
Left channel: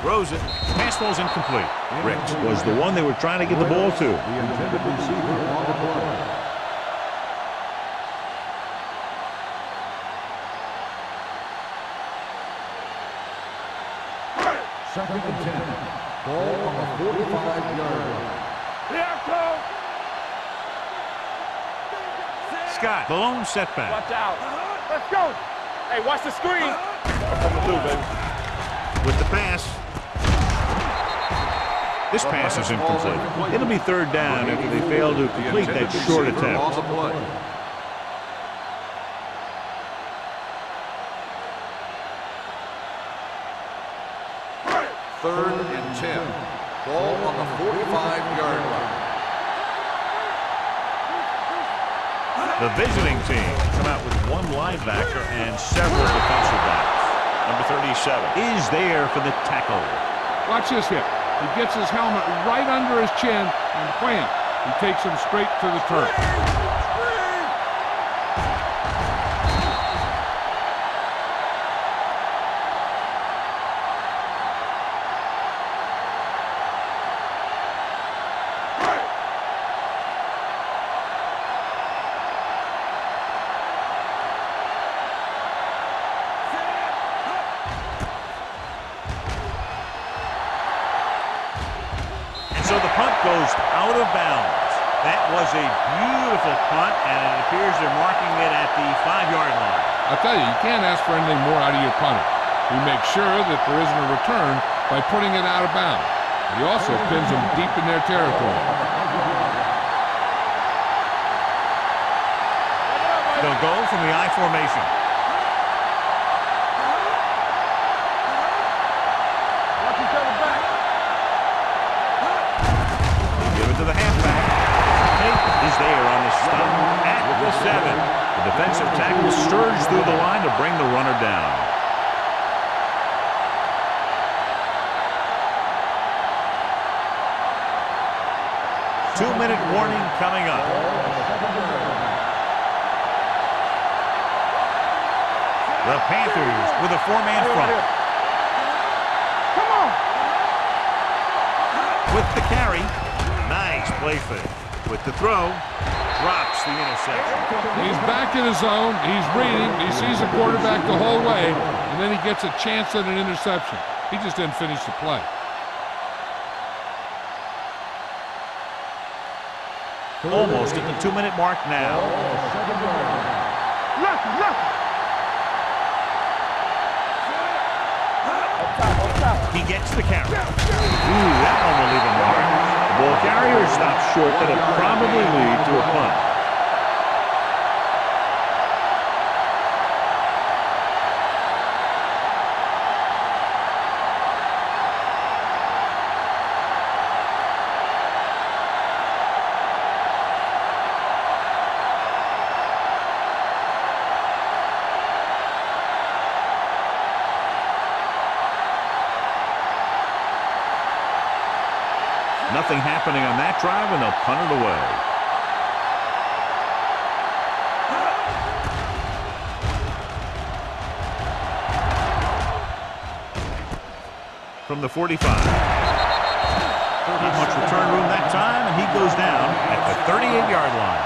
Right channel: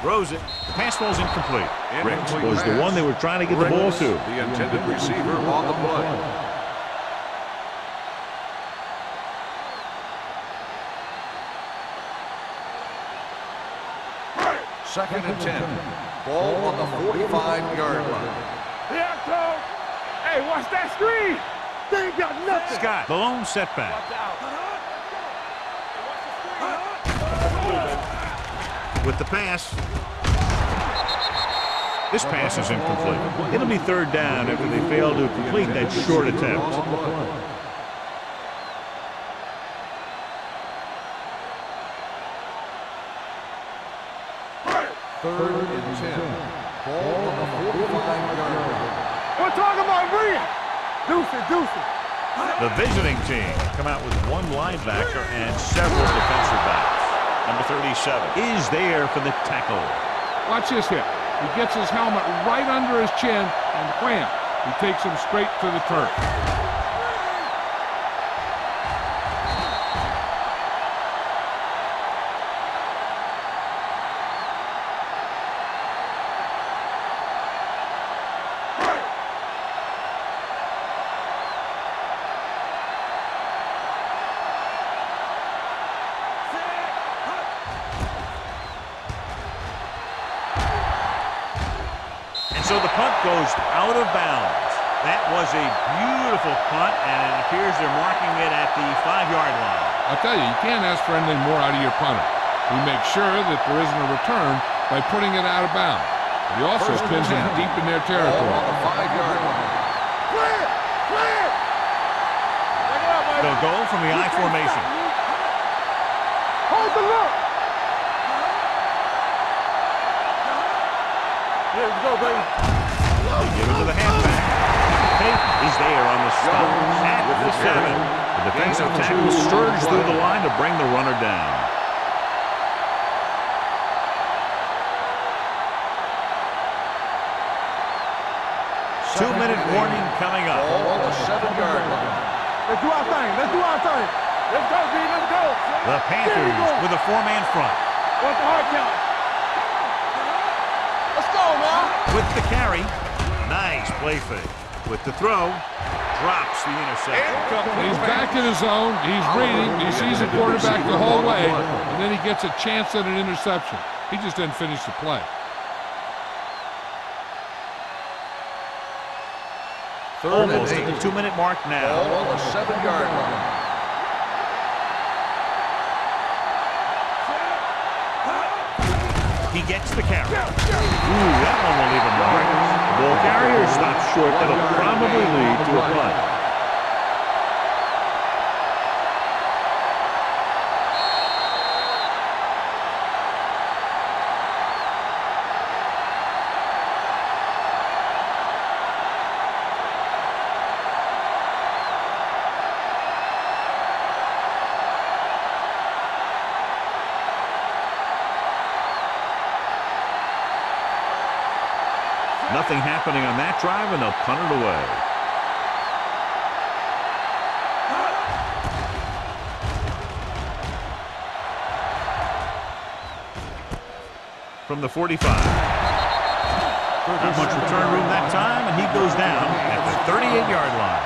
Throws it. Pass falls incomplete. Ricks was the one they were trying to get the ball to. The intended receiver on the play. Second and 10. Ball on the 45-yard line. Yeah, Cole. Hey, watch that screen. They ain't got nothing. Scott, the lone setback. Watch out. Let's go. Hey, watch the screen. With the pass. This pass is incomplete. It'll be third down after they fail to complete that short attempt. Third and 10. Ball on the 45-yard line. We're talking about Reed. Deuce it. The visiting team come out with one linebacker and several defensive backs. Number 37 is there for the tackle. Watch this hit. He gets his helmet right under his chin, and wham, he takes him straight to the turf. So the punt goes out of bounds. That was a beautiful punt, and it appears they're marking it at the 5-yard line. I'll tell you can't ask for anything more out of your punter. He makes sure that there isn't a return by putting it out of bounds. But he also pins them deep in their territory. They'll go from the I formation. To the halfback. Payton is there on the stop at the 7. The defensive tackle surged through the line to bring the runner down. Two-minute warning coming up. Ball on the 7-yard line. Let's do our thing. Let's go, D. Let's go. The Panthers with a 4-man front. Come on. Let's go, man. With the carry. Nice play fake. With the throw, drops the interception. He's back in his zone. He's reading. He sees the quarterback the whole way, and then he gets a chance at an interception. He just didn't finish the play. Almost at the 2-minute mark now. Ball on the 7-yard line. He gets the carry. Ooh, that one will leave a mark. The ball carrier stops short. That'll probably lead to a punt. Nothing happening on that drive, and they'll punt it away. From the 45. Not much return room that time, and he goes down at the 38-yard line.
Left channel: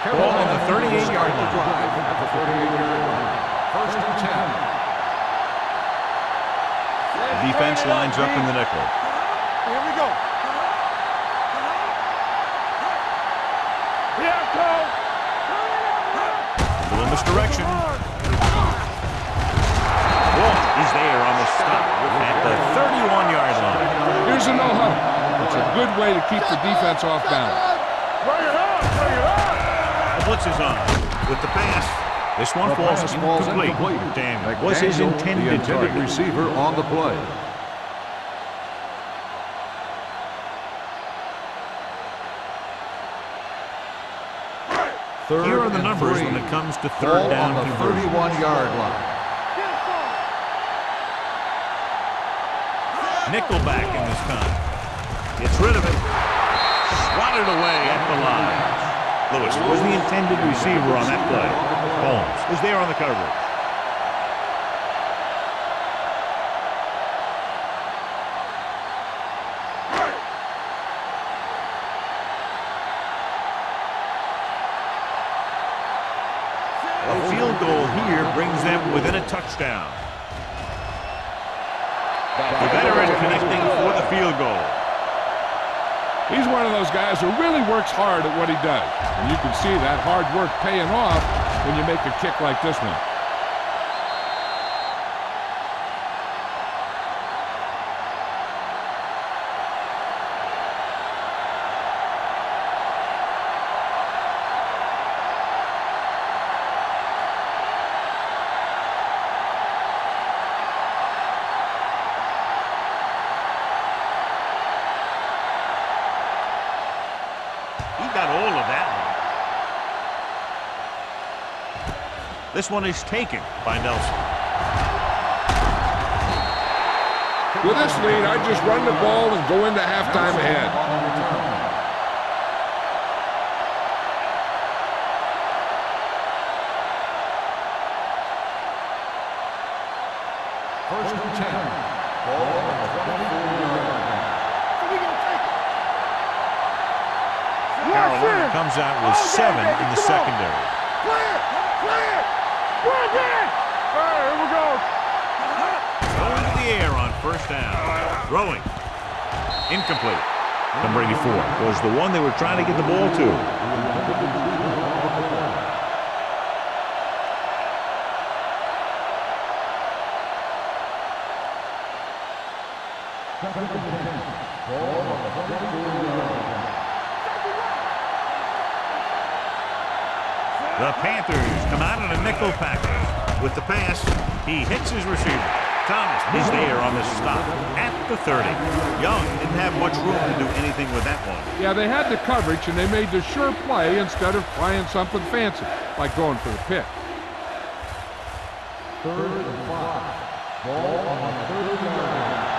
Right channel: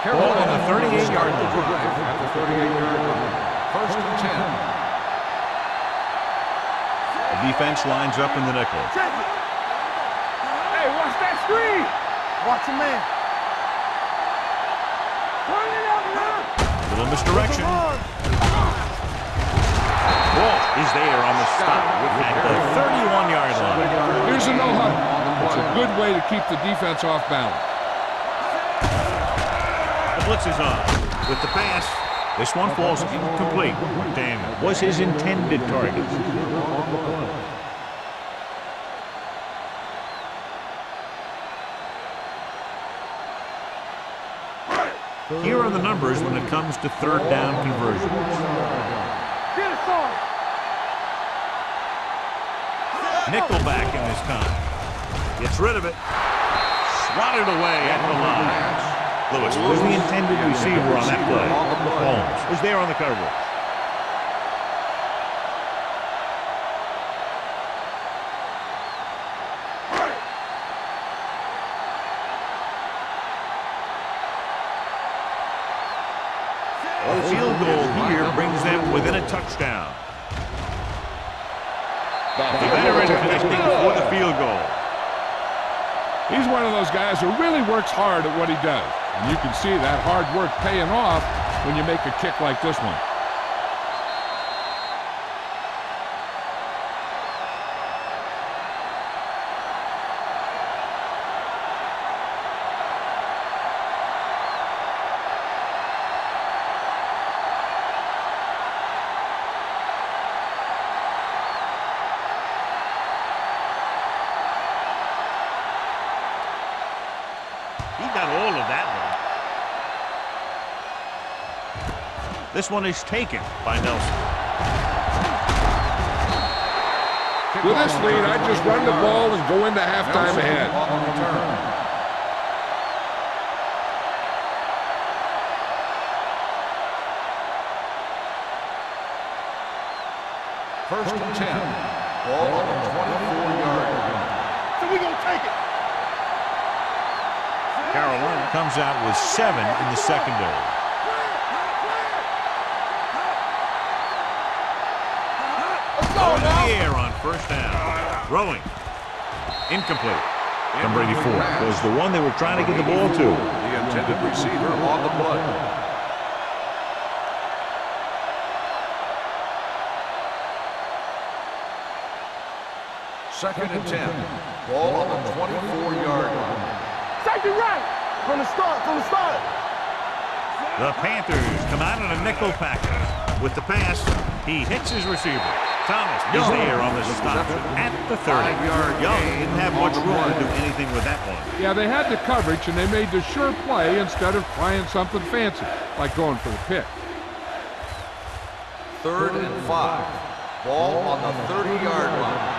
Ball on the 38-yard line. Drive at the 38-yard line. First and 10. The defense lines up in the nickel. Here we go. Hey, watch that screen. Watch him, man. Here it comes. Turn it up, man. Little misdirection. Walt is there on the stop at the 31-yard line. Here's a no huddle. It's a good way to keep the defense off balance. The blitz is on with the pass. This one falls incomplete. McDaniel was his intended target. Receiver on the play. Here are the numbers when it comes to third down conversion. 31-yard line. Get us on. Nickelback in this time. Gets rid of it. Swatted away at the line. Lewis was the intended receiver on that play. Holmes was there on the coverage. A field goal here brings them within a touchdown. The veteran connecting for the field goal. He's one of those guys who really works hard at what he does. And you can see that hard work paying off when you make a kick like this one. He got all of that one. This one is taken by Nelson. With this lead, I just run the ball and go into halftime ahead. On the return. First and 10. Ball on the 24-yard line. So we gonna take it. Carolina comes out with 7 in the secondary. Clear! Clear! Clear! Clear! All right, here we go. Going to the air on first down. Throwing. Incomplete. Number 84 was the one they were trying to get the ball to. The intended receiver on the play. Second and 10. Ball on the 24-yard line. Take it right. From the start. The Panthers come out in a nickel package. With the pass, he hits his receiver. Thomas is there on the stop at the 30. Young didn't have much room to do anything with that one. Yeah, they had the coverage, and they made the sure play instead of trying something fancy, like going for the pick. Third and 5. Ball on the 30-yard line.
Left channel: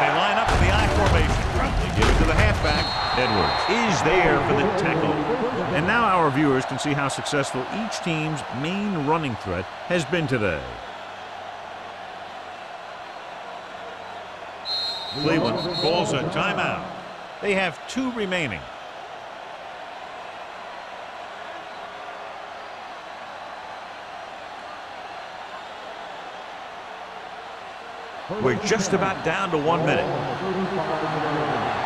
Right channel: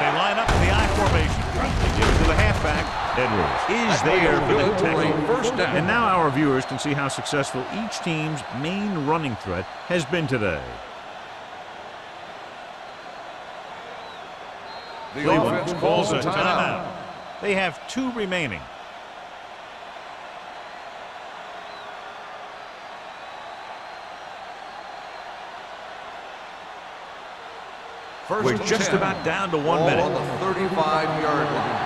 They line up in the I formation. They give it to the halfback. Edwards is there for the tackle. And now our viewers can see how successful each team's main running threat has been today. Cleveland calls a timeout. They have 2 remaining. We're just about down to 1 minute. On the 35-yard line.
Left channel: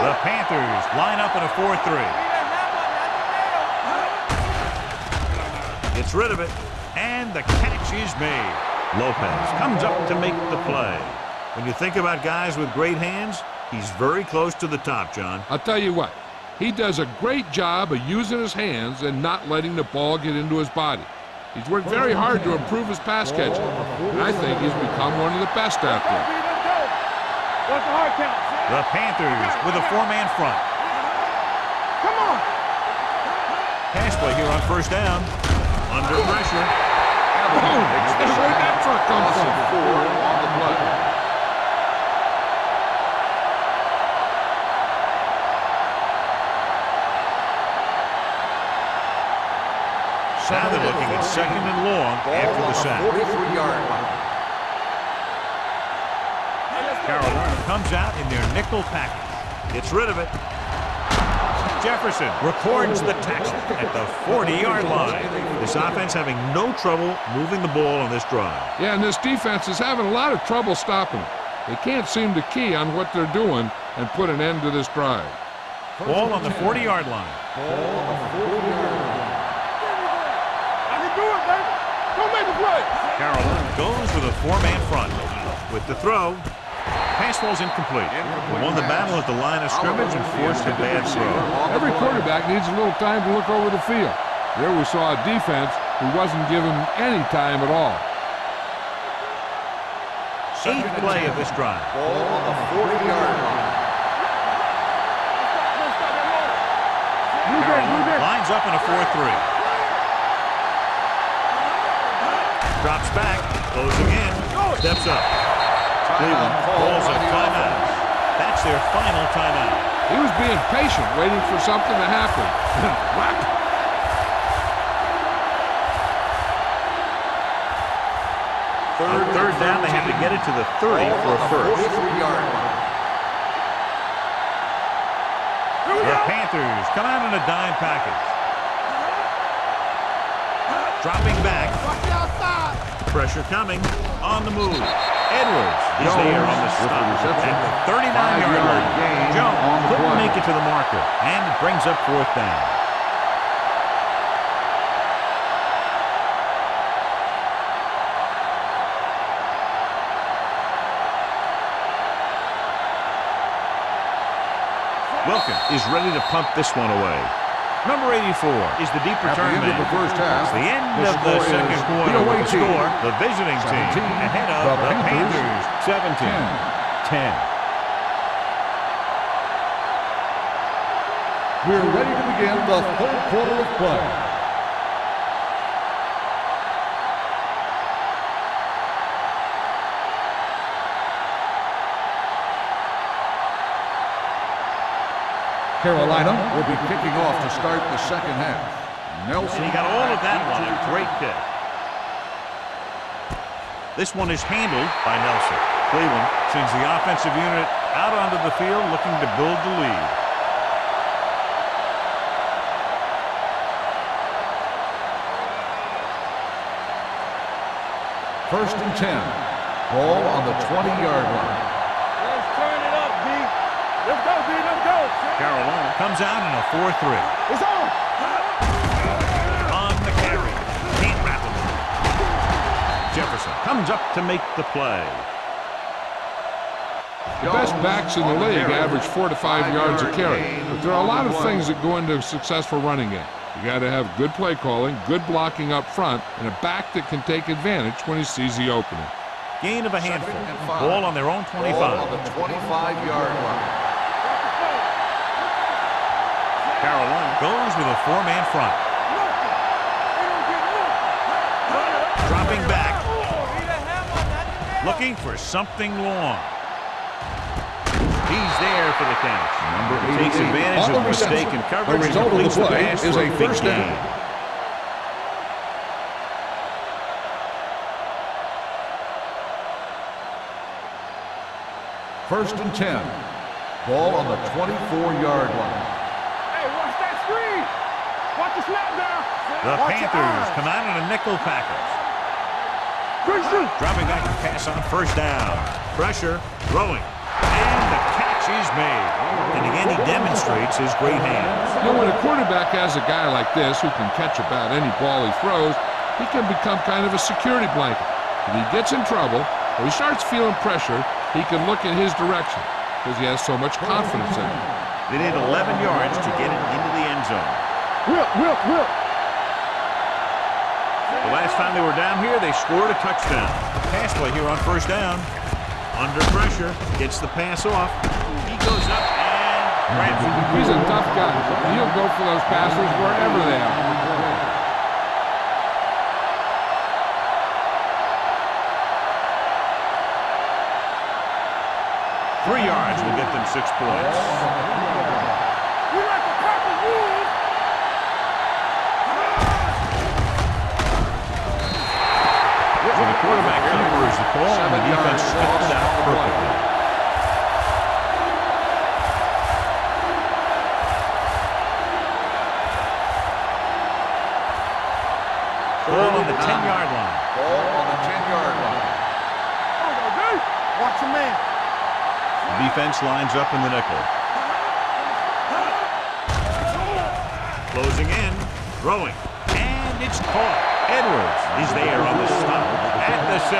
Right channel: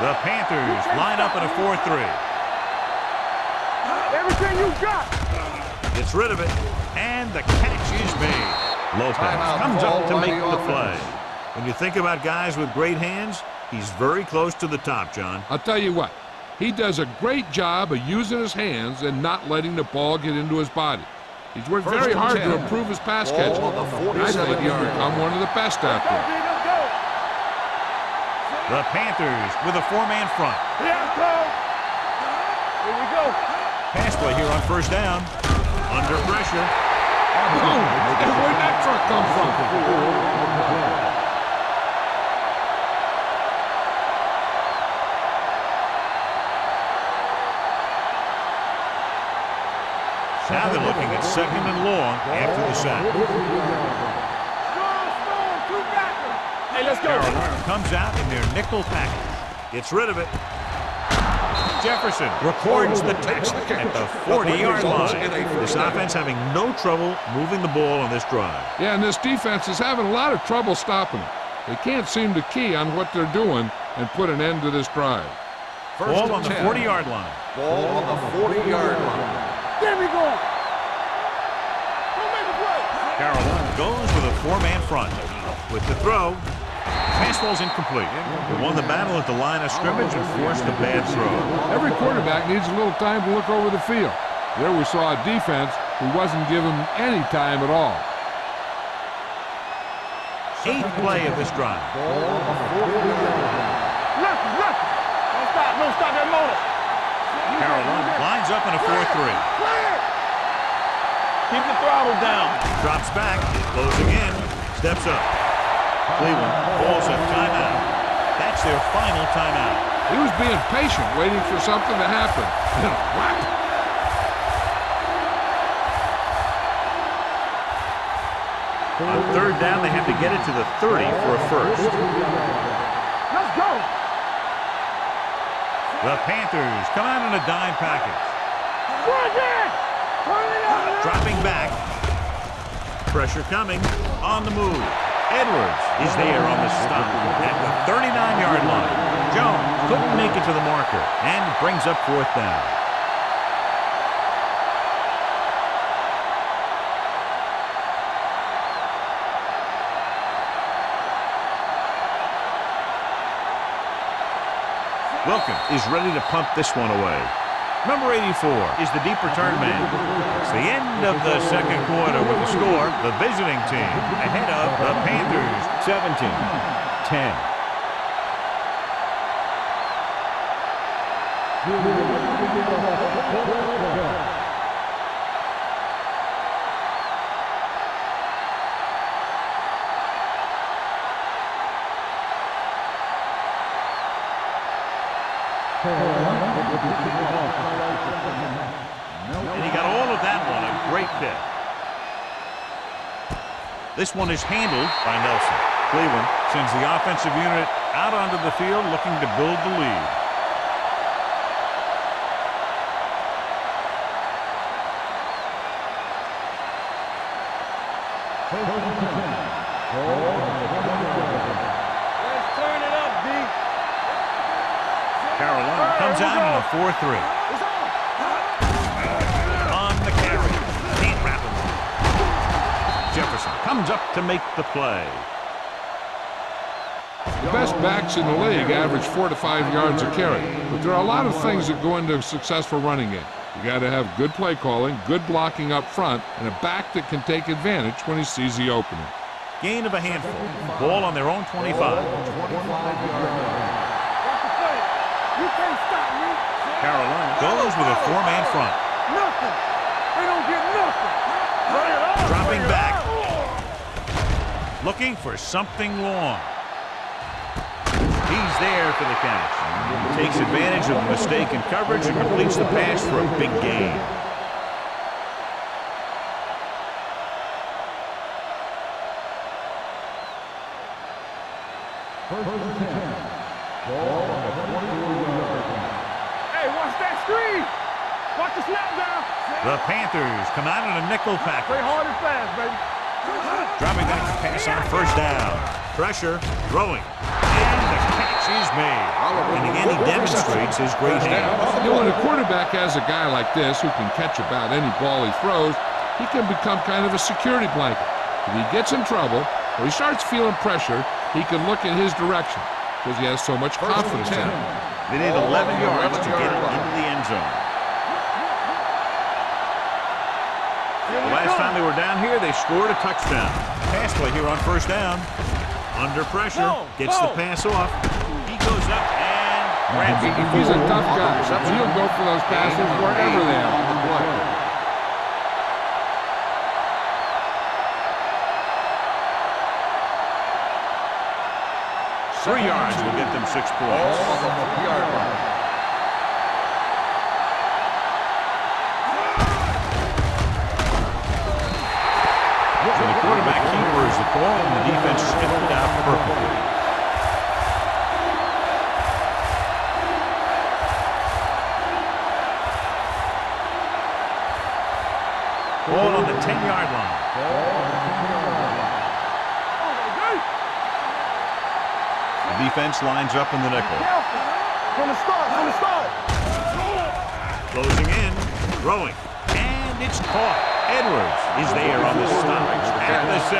The Panthers line up in a 4-3. Everything you got. Gets rid of it, and the catch is made. Lopez comes up to make the play. When you think about guys with great hands, he's very close to the top, John. I'll tell you what, he does a great job of using his hands and not letting the ball get into his body. He's worked very hard to improve his pass catching, and I think he's become one of the best out there. Let's go. What's the hard count? The Panthers with a 4-man front. Come on. Here we go. Pass play here on first down. Under pressure. Boom! And where'd that truck come from? On the play. Now they're looking at 2nd and long after the sack. 43-yard line. Hey, let's go. Carolina comes out in their nickel package. Gets rid of it. Jefferson records the tackle at the 40-yard line. This offense having no trouble moving the ball on this drive. Yeah, and this defense is having a lot of trouble stopping him. They can't seem to key on what they're doing and put an end to this drive. Ball on the 40-yard line. Ball on the 40-yard line. There we go. I can do it, baby. Go make the play. Carolina goes with a 4-man front. With the throw, Pass ball's incomplete. they won the battle at the line of scrimmage and forced a bad throw. Every quarterback needs a little time to look over the field. There we saw a defense who wasn't given any time at all. 8th play of this drive. Ball on the 40-yard line. Don't stop that motor. Carolina lines up in a 4-3. Keep the throttle down. Drops back, closing in, steps up. Cleveland calls a timeout. That's their final timeout. He was being patient, waiting for something to happen. Whack! On 3rd down, they have to get it to the 30 for a first. 43-yard line. Let's go. The Panthers come out in a dime package. Dropping back. Pressure coming. On the move. Edwards is there on the stop at the 39-yard line. Jones couldn't make it to the marker, and it brings up 4th down. Wilkins is ready to pump this one away. Number 84 is the deep return man. It's the end of the second quarter with the score. The visiting team ahead of the Panthers 17-10. We're ready to begin the 3rd quarter of play. Carolina will be kicking off to start the second half. Nelson. And he got all of that one. A great kick. This one is handled by Nelson. Cleveland sends the offensive unit out onto the field looking to build the lead. First and 10. Ball on the 20-yard line. Let's turn it up, D. Let's go, D. Let's go. Carolina comes out in a 4-3. It's on. On the carry. Can't wrap him up. Jefferson comes up to make the play. The best backs in the league average 4 to 5 yards a carry, but there are a lot of things that go into a successful running game. You got to have good play calling, good blocking up front, and a back that can take advantage when he sees the opening. Gain of a handful. Ball on their own 25. Ball on the 25-yard line. Watch the play. You can't stop me. Carolina goes with a 4-man front. Nothing. They don't get nothing. Bring it on. Dropping Bring it back. on. Looking for something long. He's there for the catch. He takes advantage of the mistake in coverage and completes the pass for a big gain. First and 10. Ball on the 24-yard line. Hey, watch that screen. Watch the snap down. The Panthers come out in a nickel package. Hard and fast, baby. Dropping back to pass on first down. Pressure, throwing, And the catch is made. And again, he demonstrates his great hands. You know, when a quarterback has a guy like this who can catch about any ball he throws, he can become kind of a security blanket. If he gets in trouble or he starts feeling pressure, he can look in his direction because he has so much confidence in him. They need 11 yards to get it into the end zone. Whip. The last time they were down here, they scored a touchdown. Pass play here on first down. Under pressure, gets the pass off. He goes up and grabs it. He's a tough guy. He'll go for those passes wherever they are. 3 yards will get them 6 points. So the quarterback keeper is the call, and the defense sniffed it out perfectly. Ball on the 10-yard line. Ball on the 10-yard line. There we go, D. Watch your man. The defense lines up in the nickel. Closing in, throwing, and it's caught. Edwards is there on the stop at the 6.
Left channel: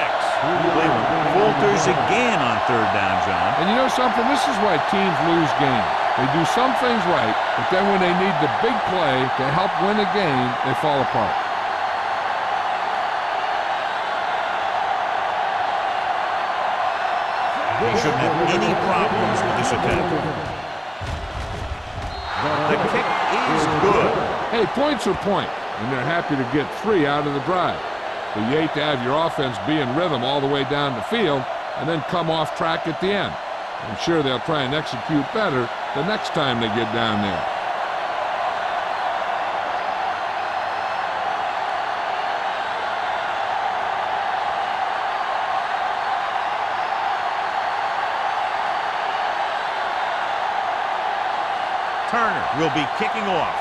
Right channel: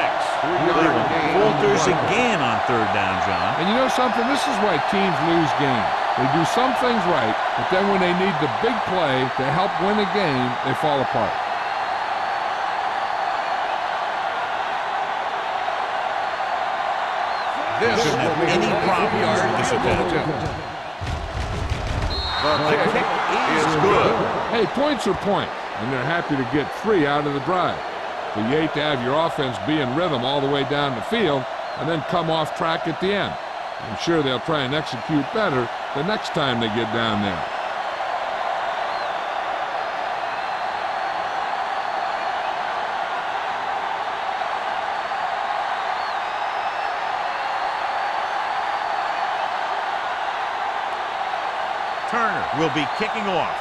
Cleveland falters again on third down, John. And you know something? This is why teams lose games. They do some things right, but then when they need the big play to help win a game, they fall apart. He shouldn't have any problems with this attempt. The kick is good. Hey, points are points, and they're happy to get 3 out of the drive. But you hate to have your offense be in rhythm all the way down the field and then come off track at the end. I'm sure they'll try and execute better the next time they get down there. Turner will be kicking off.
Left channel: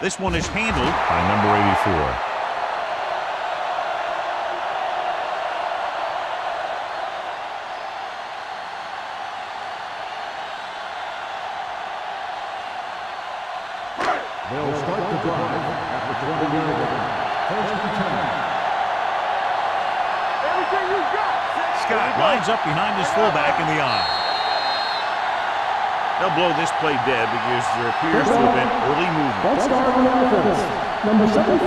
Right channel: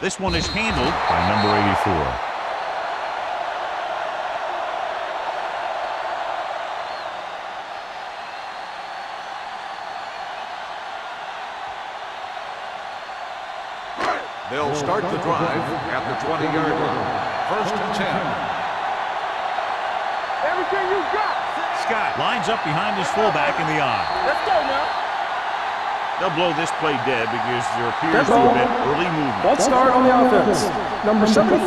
This one is handled by number 84. They'll start the drive at the 20-yard line. First and 10. Everything you got. Scott lines up behind his fullback in the eye. They'll blow this play dead because there appears to have been early movement. Let's start on offense. Number 73.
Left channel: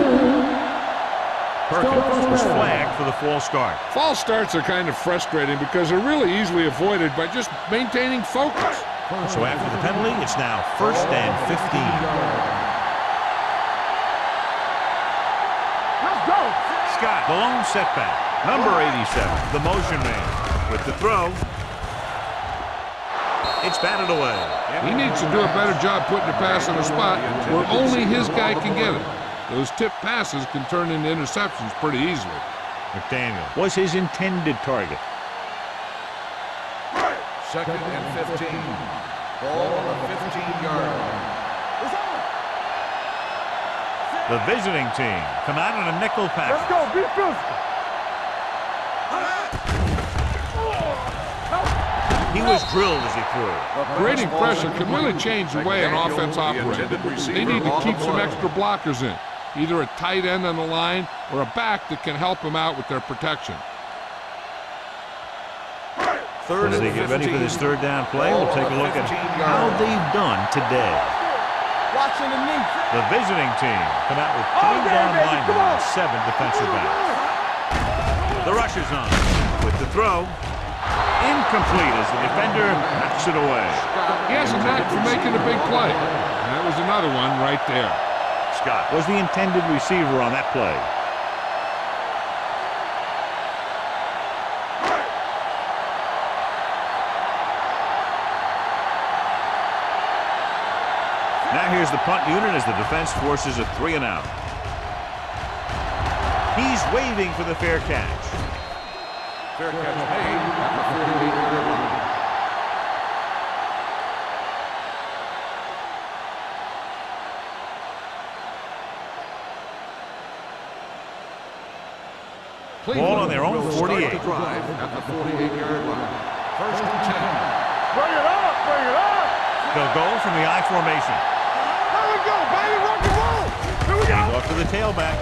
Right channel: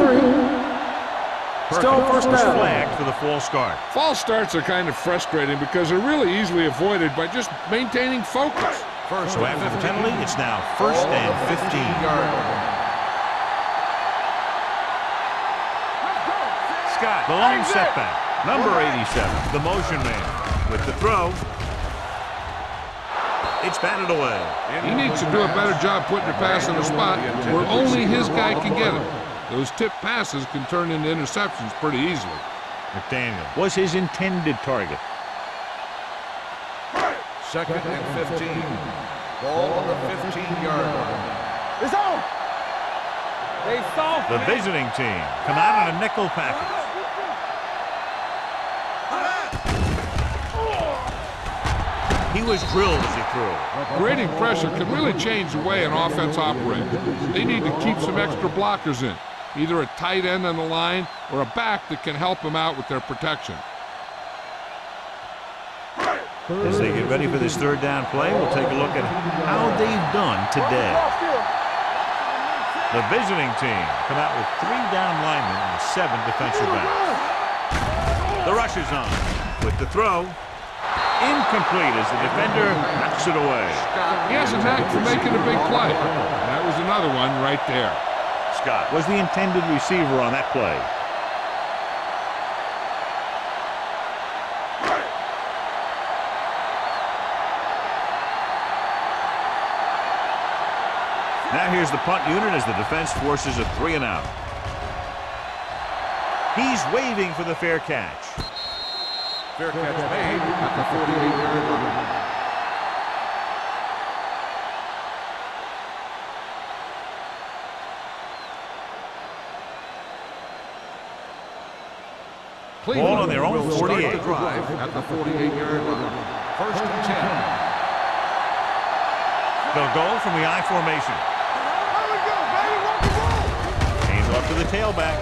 Perkins was flagged for the false start. False starts are kind of frustrating because they're really easily avoided by just maintaining focus. So after the penalty, it's now first and 15. Let's go. Scott, the lone setback. Number 87, the motion man. With the throw, it's batted away. He needs to do a better job putting the pass in a spot where only his guy can get it. Those tip passes can turn into interceptions pretty easily. McDaniel was his intended target. Second and 15. Ball on the 15-yard line. It's on. The visiting team come out in a nickel package. He was drilled as he threw. Grading pressure can really change the way an offense operates. They need to keep some extra blockers in, either a tight end on the line or a back that can help them out with their protection. As they get ready for this third down play, we'll take a look at how they've done today. The visiting team come out with 3 down linemen and 7 defensive backs. The rush is on with the throw. Incomplete as the defender knocks it away. He has a knack for making a big play. And that was another one right there. Scott was the intended receiver on that play. Now here's the punt unit as the defense forces a 3-and-out. He's waving for the fair catch. Fair catch made at the 48-yard line. Cleveland Ball on their own will start 48. the drive at the 48-yard line. First and 10. They'll go from the I formation. Here we go, baby. Rock and roll. Hand off to the tailback.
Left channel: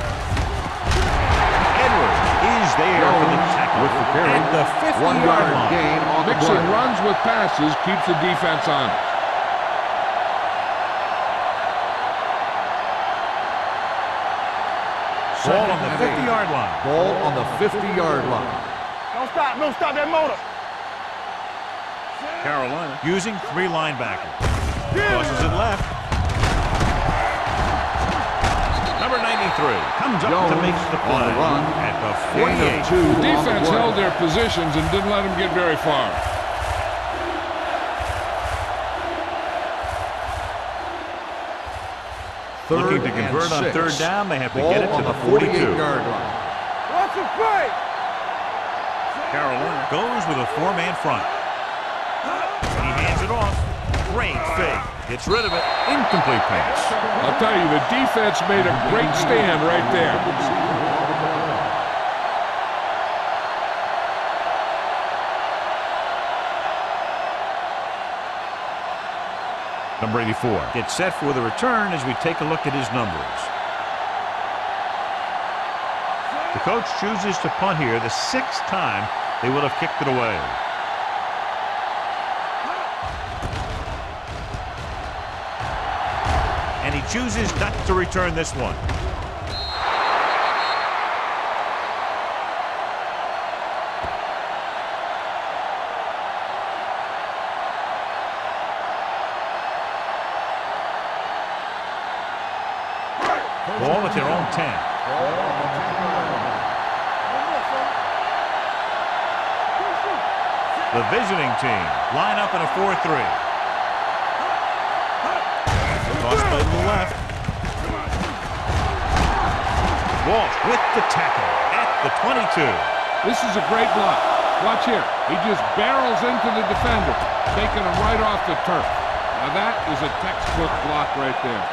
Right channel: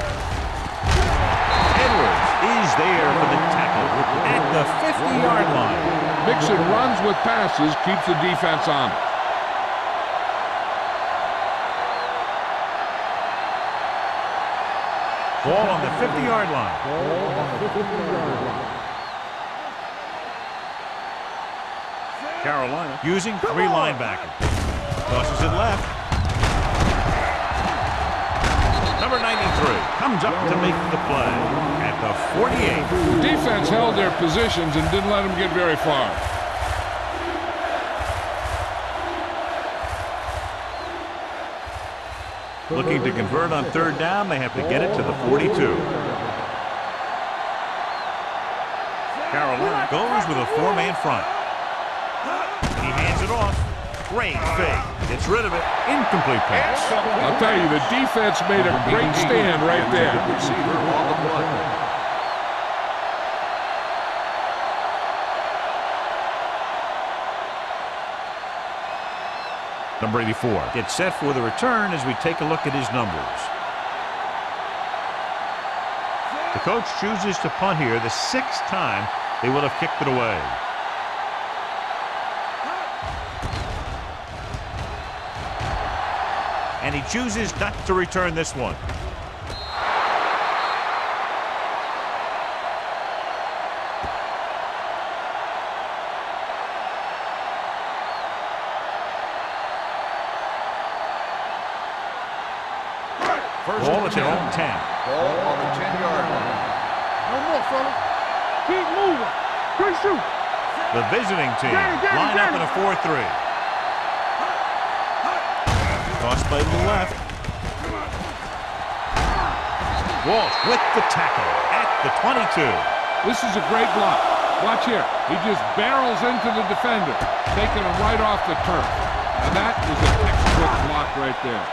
Edwards is there for the tackle at the 50-yard line. Mixing runs with passes keeps the defense honest. Ball on the 50-yard line. Ball on the 50-yard line. Don't stop that motor. Carolina using 3 linebackers. Crosses it left. Number 93 comes up to make the play at the 48. The defense held their positions and didn't let them get very far. Looking to convert on 3rd down, they have to get it to the 42. Carolina goes with a 4-man front. He hands it off. Great fake. Gets rid of it. Incomplete pass. I'll tell you, the defense made a great stand right there. Receiver on the play. Number 84 gets set for the return as we take a look at his numbers. The coach chooses to punt here the 6th time they would have kicked it away. And he chooses not to return this one. Ball at their own 10. Ball on the 10-yard line. No more, fella. Keep moving. Good shoot. The visiting team line up in a 4-3. Toss play to the left. Walsh with the tackle at the 22. This is a great block. Watch here. He just barrels into the defender, taking him right off the turf. Now that is a textbook block right there.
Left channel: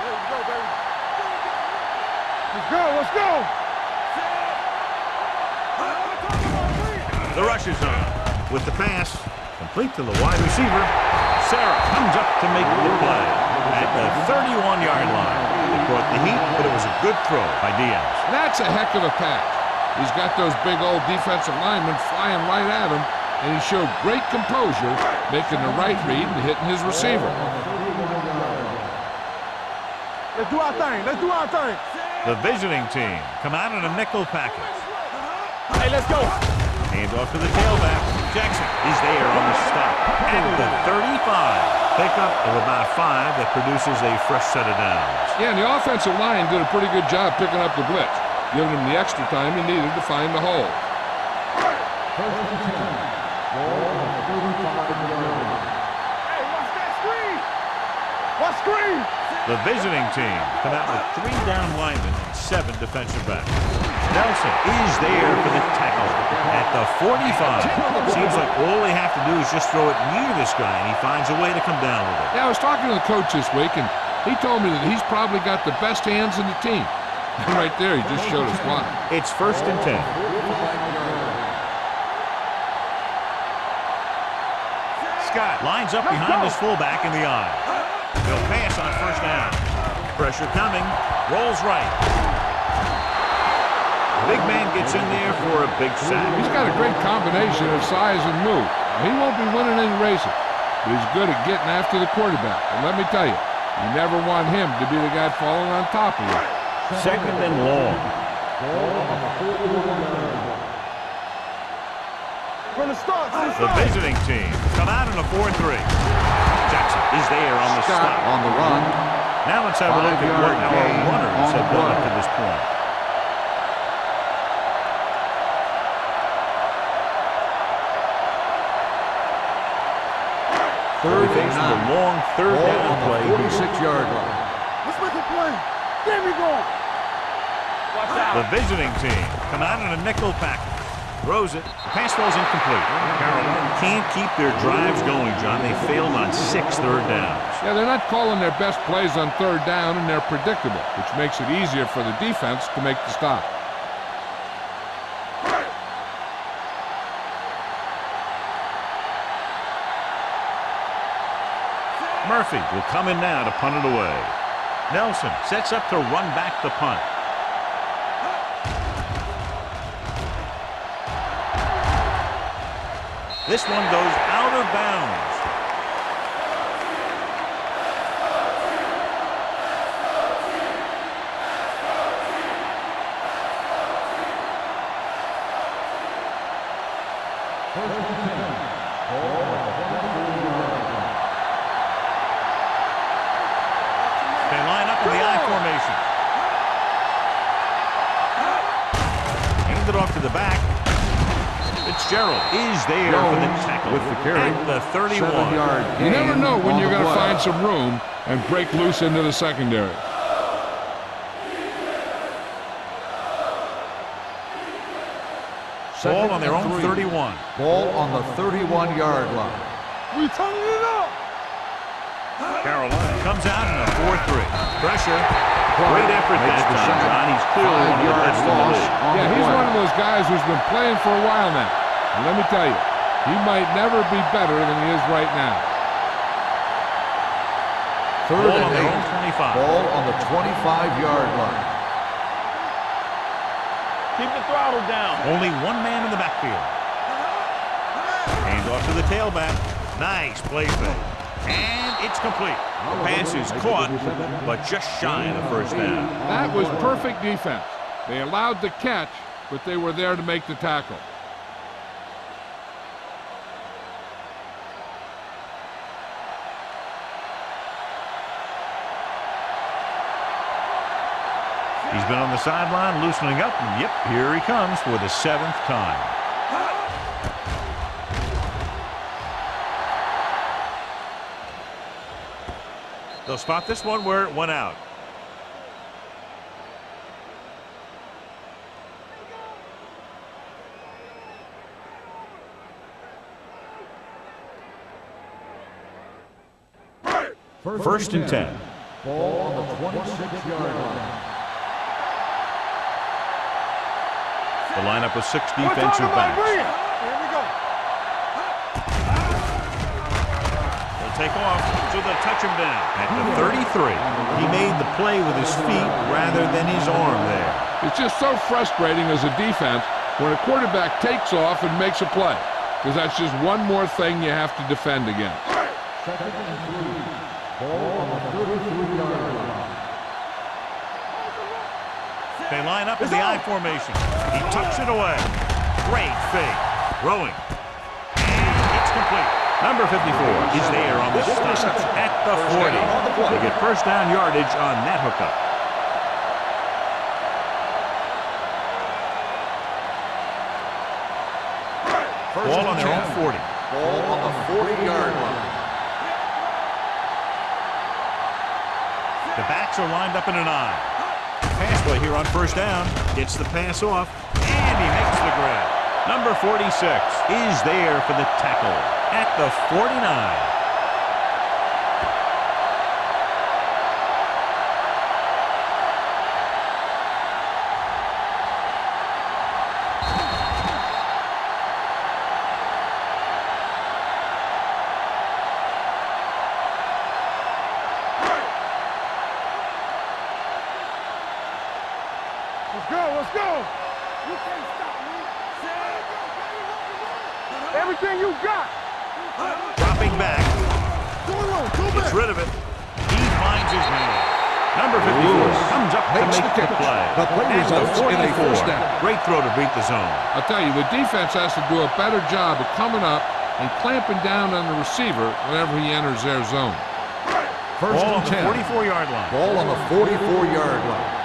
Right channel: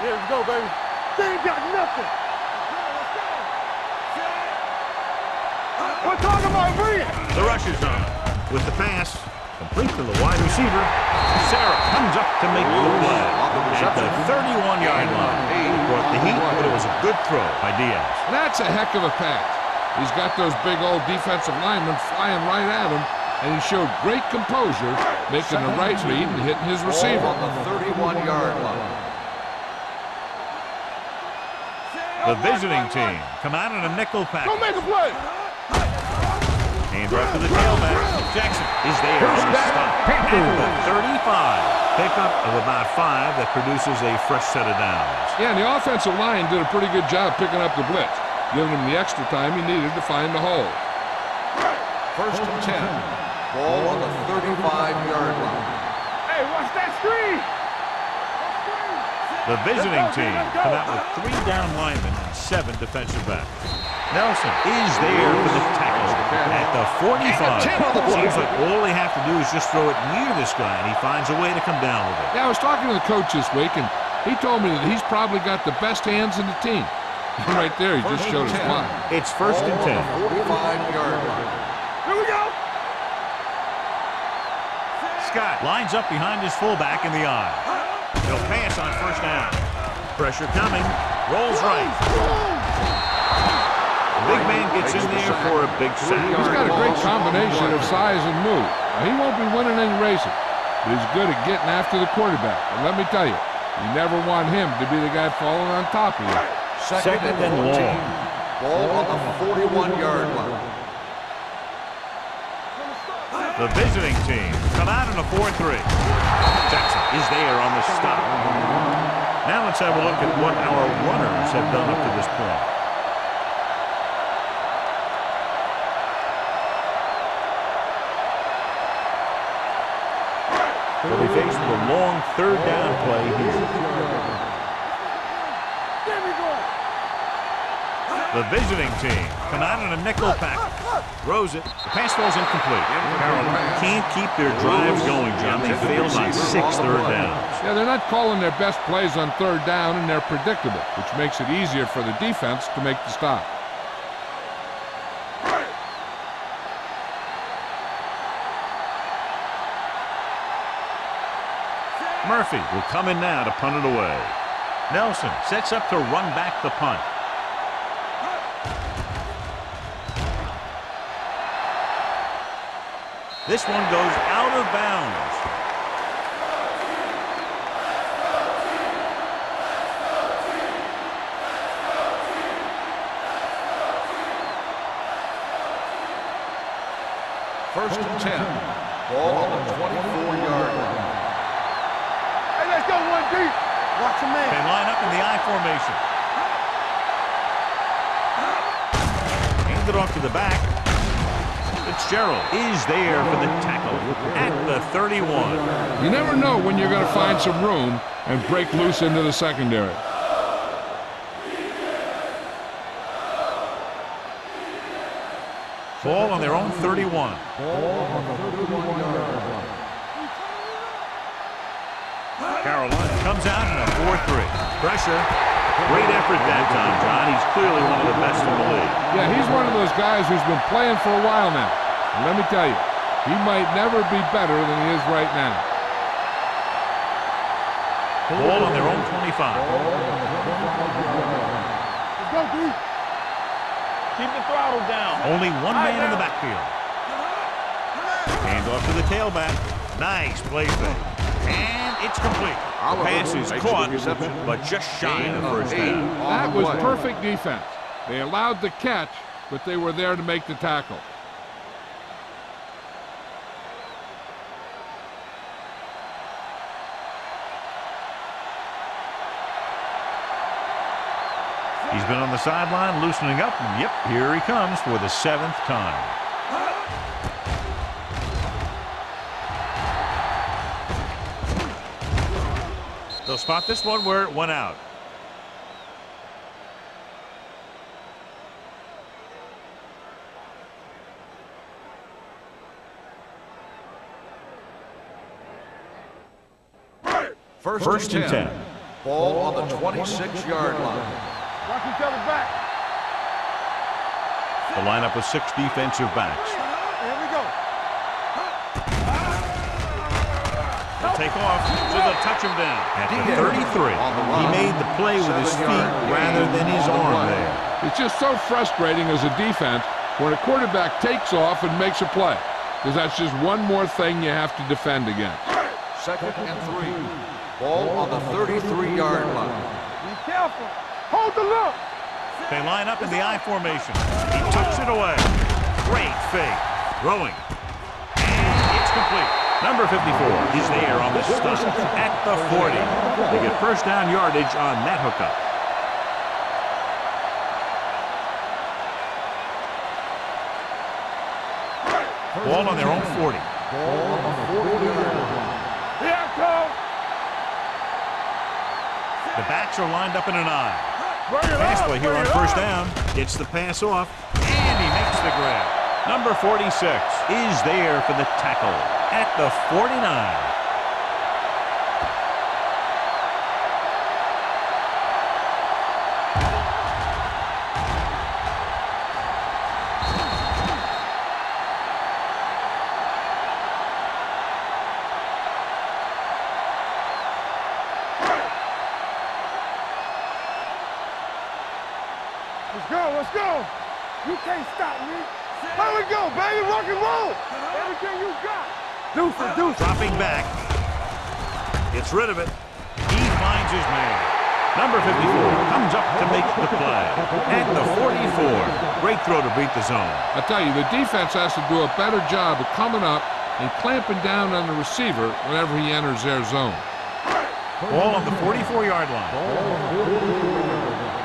Yeah, let's go, baby. They ain't got nothing. Let's go, let's go. We're talking about brilliant. The rush is on with the pass complete to the wide receiver. Sarah comes up to make the play at the 31-yard line. It brought the heat, but it was a good throw by Diaz. That's a heck of a pass. He's got those big old defensive linemen flying right at him, and he showed great composure, making the right read and hitting his receiver. Ball on the 31-yard line. Let's do our thing. Let's do our thing. The visiting team come out in a nickel Go make package. a play. Hey, let's go. Hand off to the tailback. Jackson is there on the stop at the 35. Pickup of about 5 that produces a fresh set of downs. Yeah, and the offensive line did a pretty good job picking up the blitz, giving him the extra time he needed to find the hole. First and 10. Ball on the 35-yard line. Hey, watch that screen. Watch screen. The visiting team come out with 3 down linemen and 7 defensive backs. Nelson is there for the tackle at the 45. Seems like all they have to do is just throw it near this guy, and he finds a way to come down with it. Yeah, I was talking to the coach this week, and he told me that he's probably got the best hands in the team. And right there, he just showed us why. It's first and 10. 45-yard line. Here we go. Scott lines up behind his fullback in the eye. He'll pass on first down. Pressure coming. Rolls right. The big man gets in there for a big sack. He's got a great combination of size and move. Now, he won't be winning any races, but he's good at getting after the quarterback. And let me tell you, you never want him to be the guy falling on top of you. Second and long. Ball on the 41-yard line. The visiting team come out in a 4-3. Jackson is there on the stop. On the run. Now let's have a look at what our runners have done up to this point. They'll be faced with a long 3rd down play here. 46-yard line. Let's make a play. Get me going. The visiting team come out in a nickel package. Throws it. The pass falls incomplete. Carolina can't keep their drives going, John. They failed on 6 third downs. Yeah, they're not calling their best plays on third down, and they're predictable, which makes it easier for the defense to make the stop. Murphy will come in now to punt it away. Nelson sets up to run back the punt. This one goes out of bounds. First and 10. Ball on the 24-yard line. They line up in the I formation. Hand it off to the back. Fitzgerald is there for the tackle at the 31. You never know when you're going to find some room and break loose into the secondary. Ball on their own 31. Ball on the 31-yard line. We turning it up. Carolina comes out in a 4-3. Pressure. Great effort that time, John. He's clearly one of the best in the league. Yeah, he's one of those guys who's been playing for a while now. And let me tell you, he might never be better than he is right now. Ball on their own 25. Ball on the 25-yard line. Keep the throttle down. Only one man in the backfield. Hand off to the tailback. Nice play fake. And it's complete. The pass is caught, but just shy of the first down. That was perfect defense. They allowed the catch, but they were there to make the tackle. He's been on the sideline loosening up, and yep, here he comes for the 7th time. They'll spot this one where it went out. First and 10. Ball on the 26-yard line. The lineup with 6 defensive backs. Here we go. They'll take off, so they'll touch him down. At the 33, he made the play with his feet rather than his arm there. It's just so frustrating as a defense when a quarterback takes off and makes a play, because that's just one more thing you have to defend against. Second and 3. Ball on the 33-yard line. Be careful. Hold the look. They line up in the I formation. He tucks it away. Great fake. Throwing. And it's complete. Number 54 is there on the stop at the 40. They get first down yardage on that hookup. Ball on their own 40. Ball on the 40-yard line. The backs are lined up in an I. Pass play here on first down. Gets the pass off, and he makes the grab. Number 46 is there for the tackle at the 49. Let's go, let's go. You can't stop me. Let it go, baby, rock and roll. Everything you got. Do Dropping back. Gets rid of it. He finds his man. Number 54 comes up to make the play at the 44. Great throw to beat the zone. I'll tell you, the defense has to do a better job of coming up and clamping down on the receiver whenever he enters their zone. Ball on the 44-yard line. Ball on the 44-yard line.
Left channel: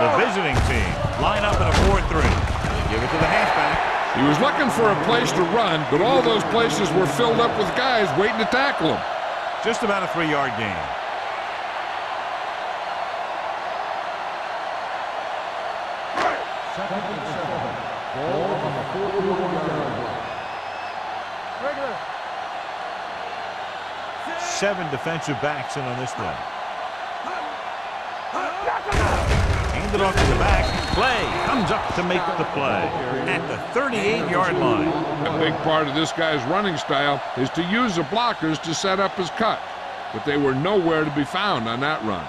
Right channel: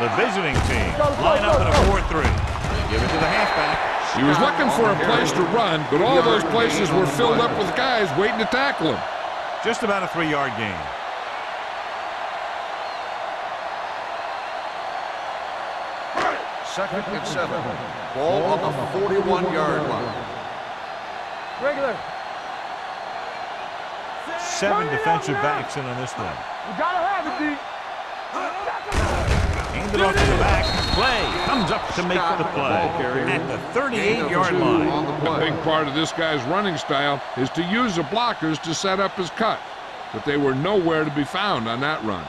The visiting team line up in a 4-3. They give it to the halfback. He was looking for a place to run, but all those places were filled up with guys waiting to tackle him. Just about a 3-yard gain. Second and 7. Ball on the 41-yard line. Regular. 7 defensive backs in on this one. You gotta have it, D. Handed off to the back. Play comes up to make the play at the 38-yard line. A big part of this guy's running style is to use the blockers to set up his cut, but they were nowhere to be found on that run.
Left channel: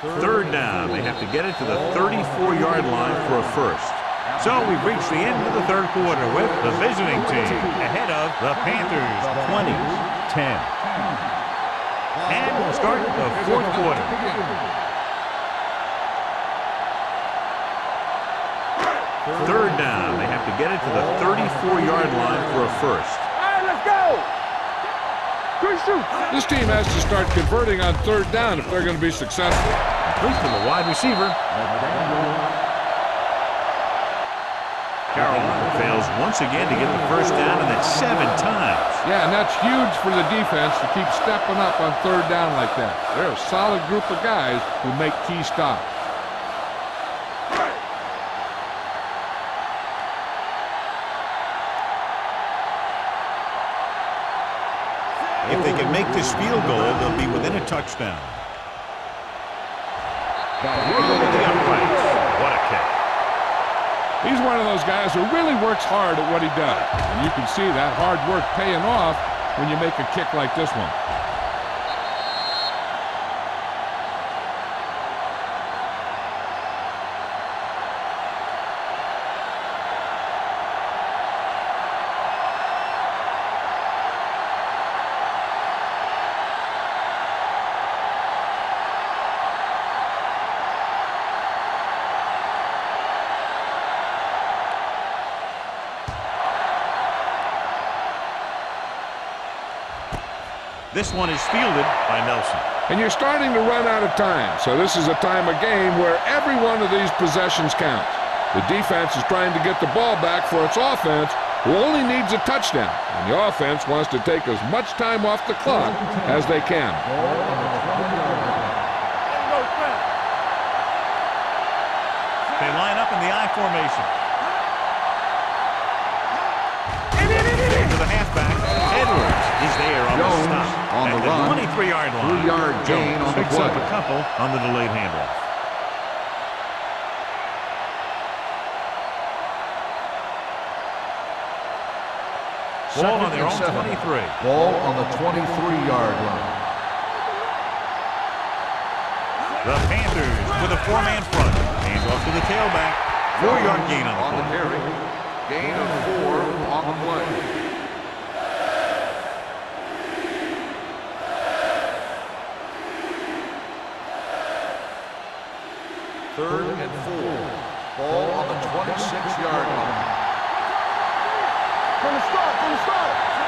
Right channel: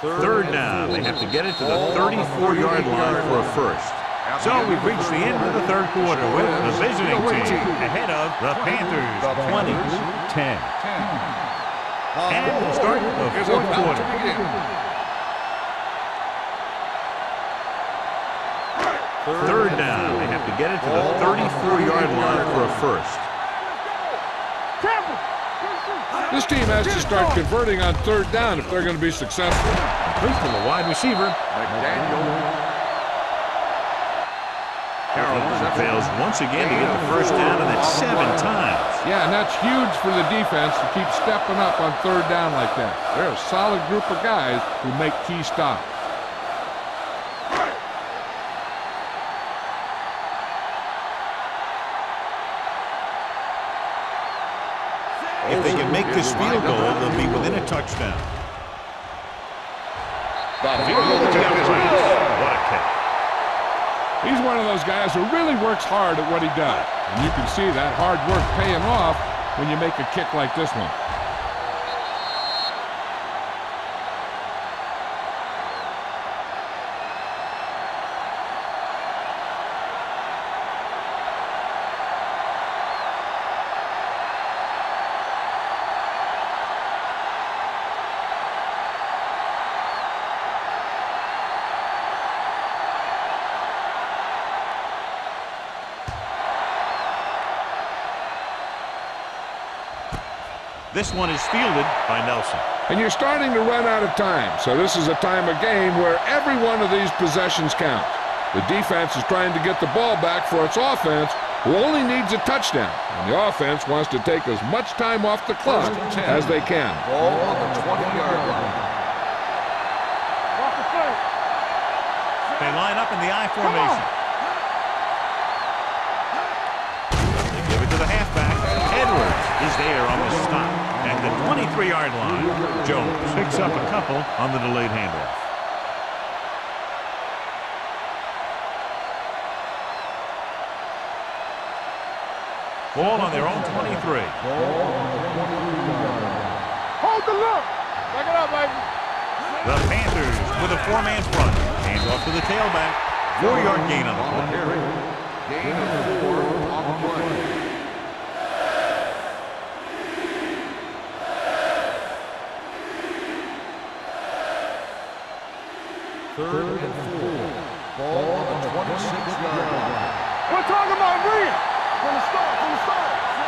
Third down. They have to get it to the 34-yard line for a first. So we've reached the end of the third quarter with the visiting team ahead of the Panthers 20-10. And we'll start the fourth quarter. Third down. They have to get it to the 34-yard line for a first. All right, let's go. This team has to start converting on third down if they're going to be successful. Complete to the wide receiver. Carolina fails once again to get the first down, and that's 7 times. Yeah, and that's huge for the defense to keep stepping up on third down like that. They're a solid group of guys who make key stops. If they can make this field goal, they'll be within a touchdown. Through the uprights. What a kick. He's one of those guys who really works hard at what he does. And you can see that hard work paying off when you make a kick like this one. This one is fielded by Nelson. And you're starting to run out of time, so this is a time of game where every one of these possessions counts. The defense is trying to get the ball back for its offense, who only needs a touchdown, and the offense wants to take as much time off the clock as they can. They line up in the I formation. Give it to the halfback. Edwards is there on the stop at the 23-yard line. Jones picks up a couple on the delayed handoff. Ball on their own 23. Ball on the 23-yard line. Hold the look. Take it up, baby. The Panthers with a 4-man front. Hands off to the tailback. 4-yard gain on the play. carry. Gain of 4 on the play. Third and 4. Ball on the 26-yard line. We're talking about Reed. From the start.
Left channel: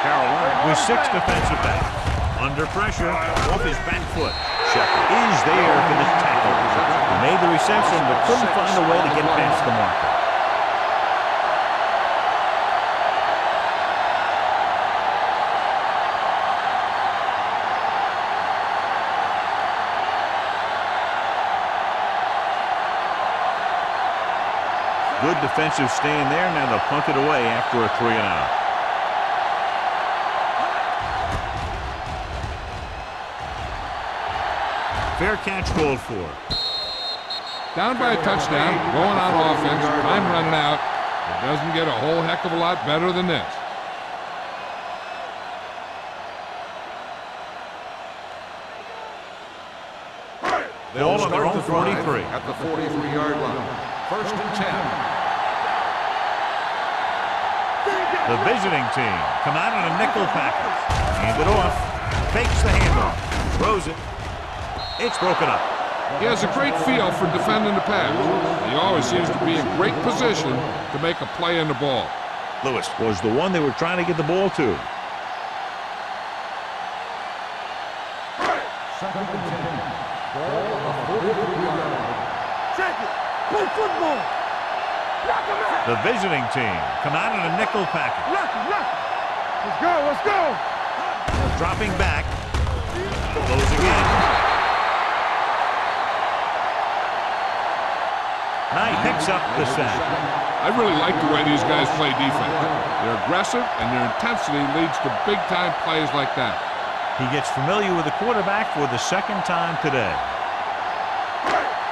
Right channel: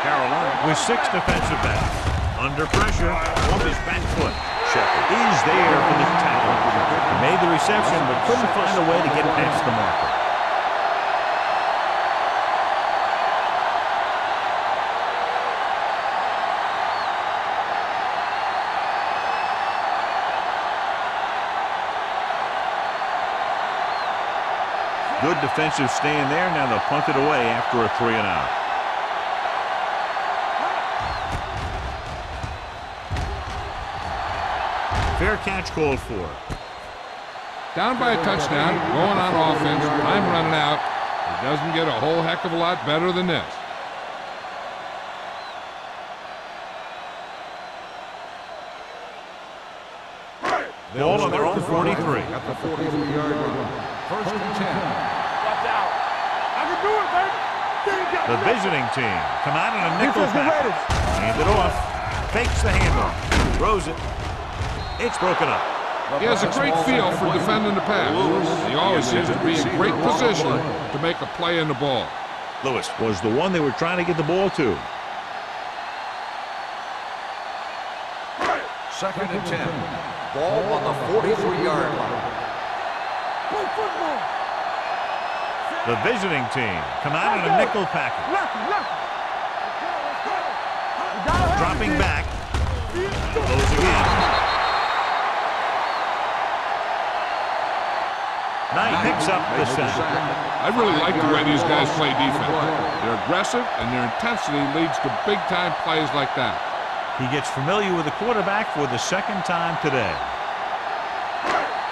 Carolina with 6 defensive backs. Under pressure, off his back foot. Shepard is there for the tackle. He made the reception but couldn't find a way to get past the marker. Good defensive stand there. Now they'll punt it away after a 3-and-out. Fair catch called for. Down by a touchdown, going on offense, time running out. It doesn't get a whole heck of a lot better than this. Ball on their own 43. At the 43-yard line. First and 10. Watch out. I can do it, baby. The visiting team come out on a nickel package. Hand it off. Fakes the handoff. Throws it. It's broken up. He has a great feel for defending the pass. He always seems to be in great position to make a play in the ball. Lewis was the one they were trying to get the ball to. Second and 10. Ball on the 43-yard line. Check it. Play football. The visiting team come out on a nickel package. Lucky. Let's go. Dropping back. Goes again. Knight picks up the sack. I really like the way these guys play defense. They're aggressive, and their intensity leads to big-time plays like that. He gets familiar with the quarterback for the second time today.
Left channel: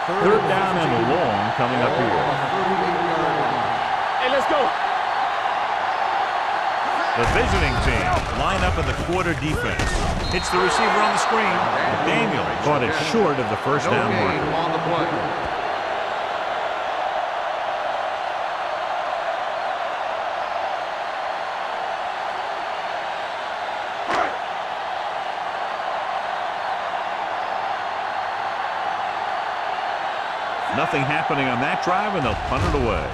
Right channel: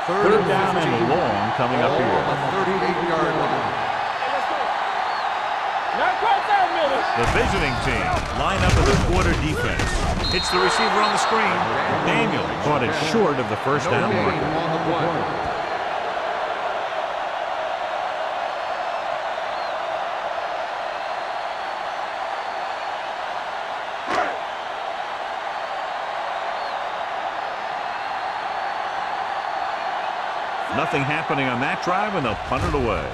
Third down and long coming up here. On the 38-yard line. Hey, let's go. The visiting team line up in the quarter defense. Hits the receiver on the screen. Daniel caught it short of the first down marker. On the play. Nothing happening on that drive, and they'll punt it away.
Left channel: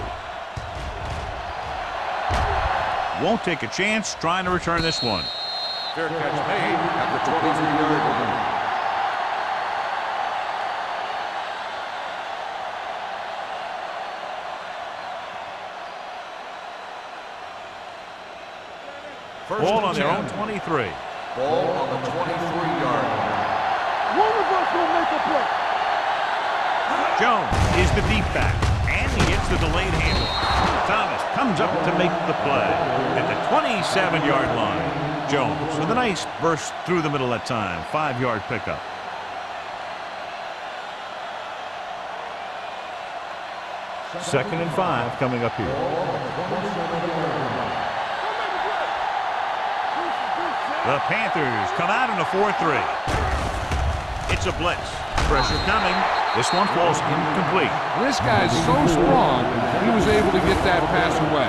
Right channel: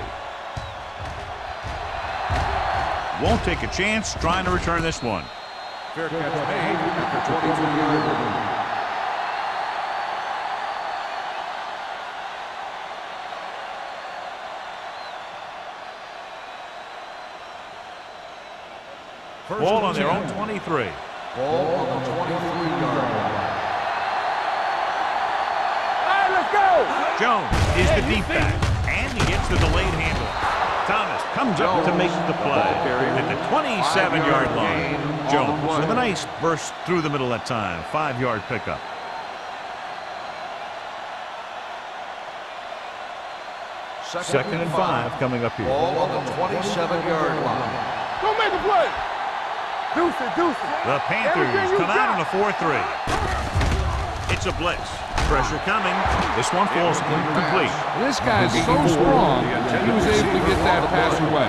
Won't take a chance trying to return this one. Fair catch made at the 23-yard line. Ball on their own 23. Ball on the 23-yard line. Jones is the deep back, and he gets the delayed handoff. Thomas comes up to make the play at the 27-yard line. Jones with a nice burst through the middle that time. 5-yard pickup. Second and 5 coming up here. Ball on the 27-yard line. Go make a play. Deuce. The Panthers come out in a 4-3. It's a blitz. Pressure coming. This one falls incomplete. And this guy's so strong, he was able to get that pass away.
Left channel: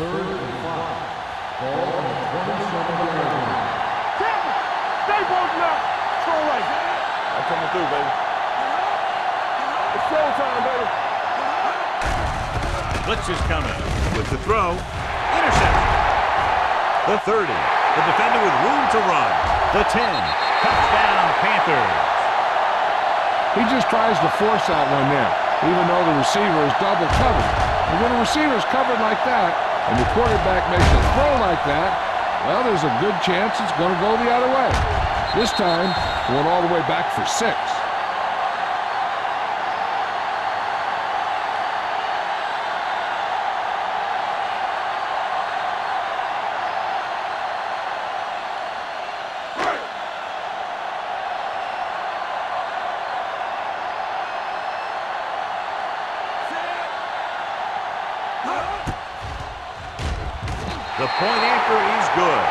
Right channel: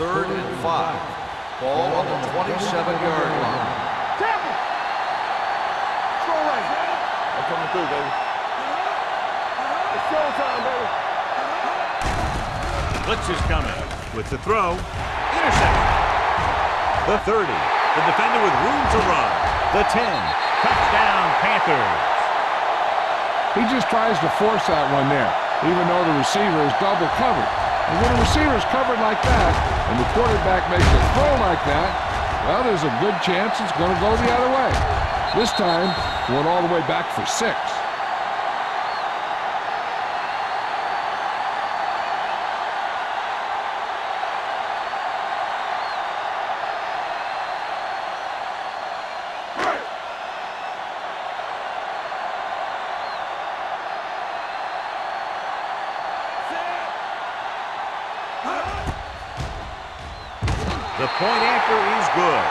Third and 5. Ball on the 27-yard line. Tampa, stay bolted out. Throw right. I'm coming through, baby. It's showtime, baby. Blitz is coming. With the throw. Interception. The 30. The defender with room to run. The 10. Touchdown, Panthers. He just tries to force that one there, even though the receiver is double covered. And when a receiver is covered like that, and the quarterback makes a throw like that, well, there's a good chance it's going to go the other way. This time, going all the way back for 6. The point after is good.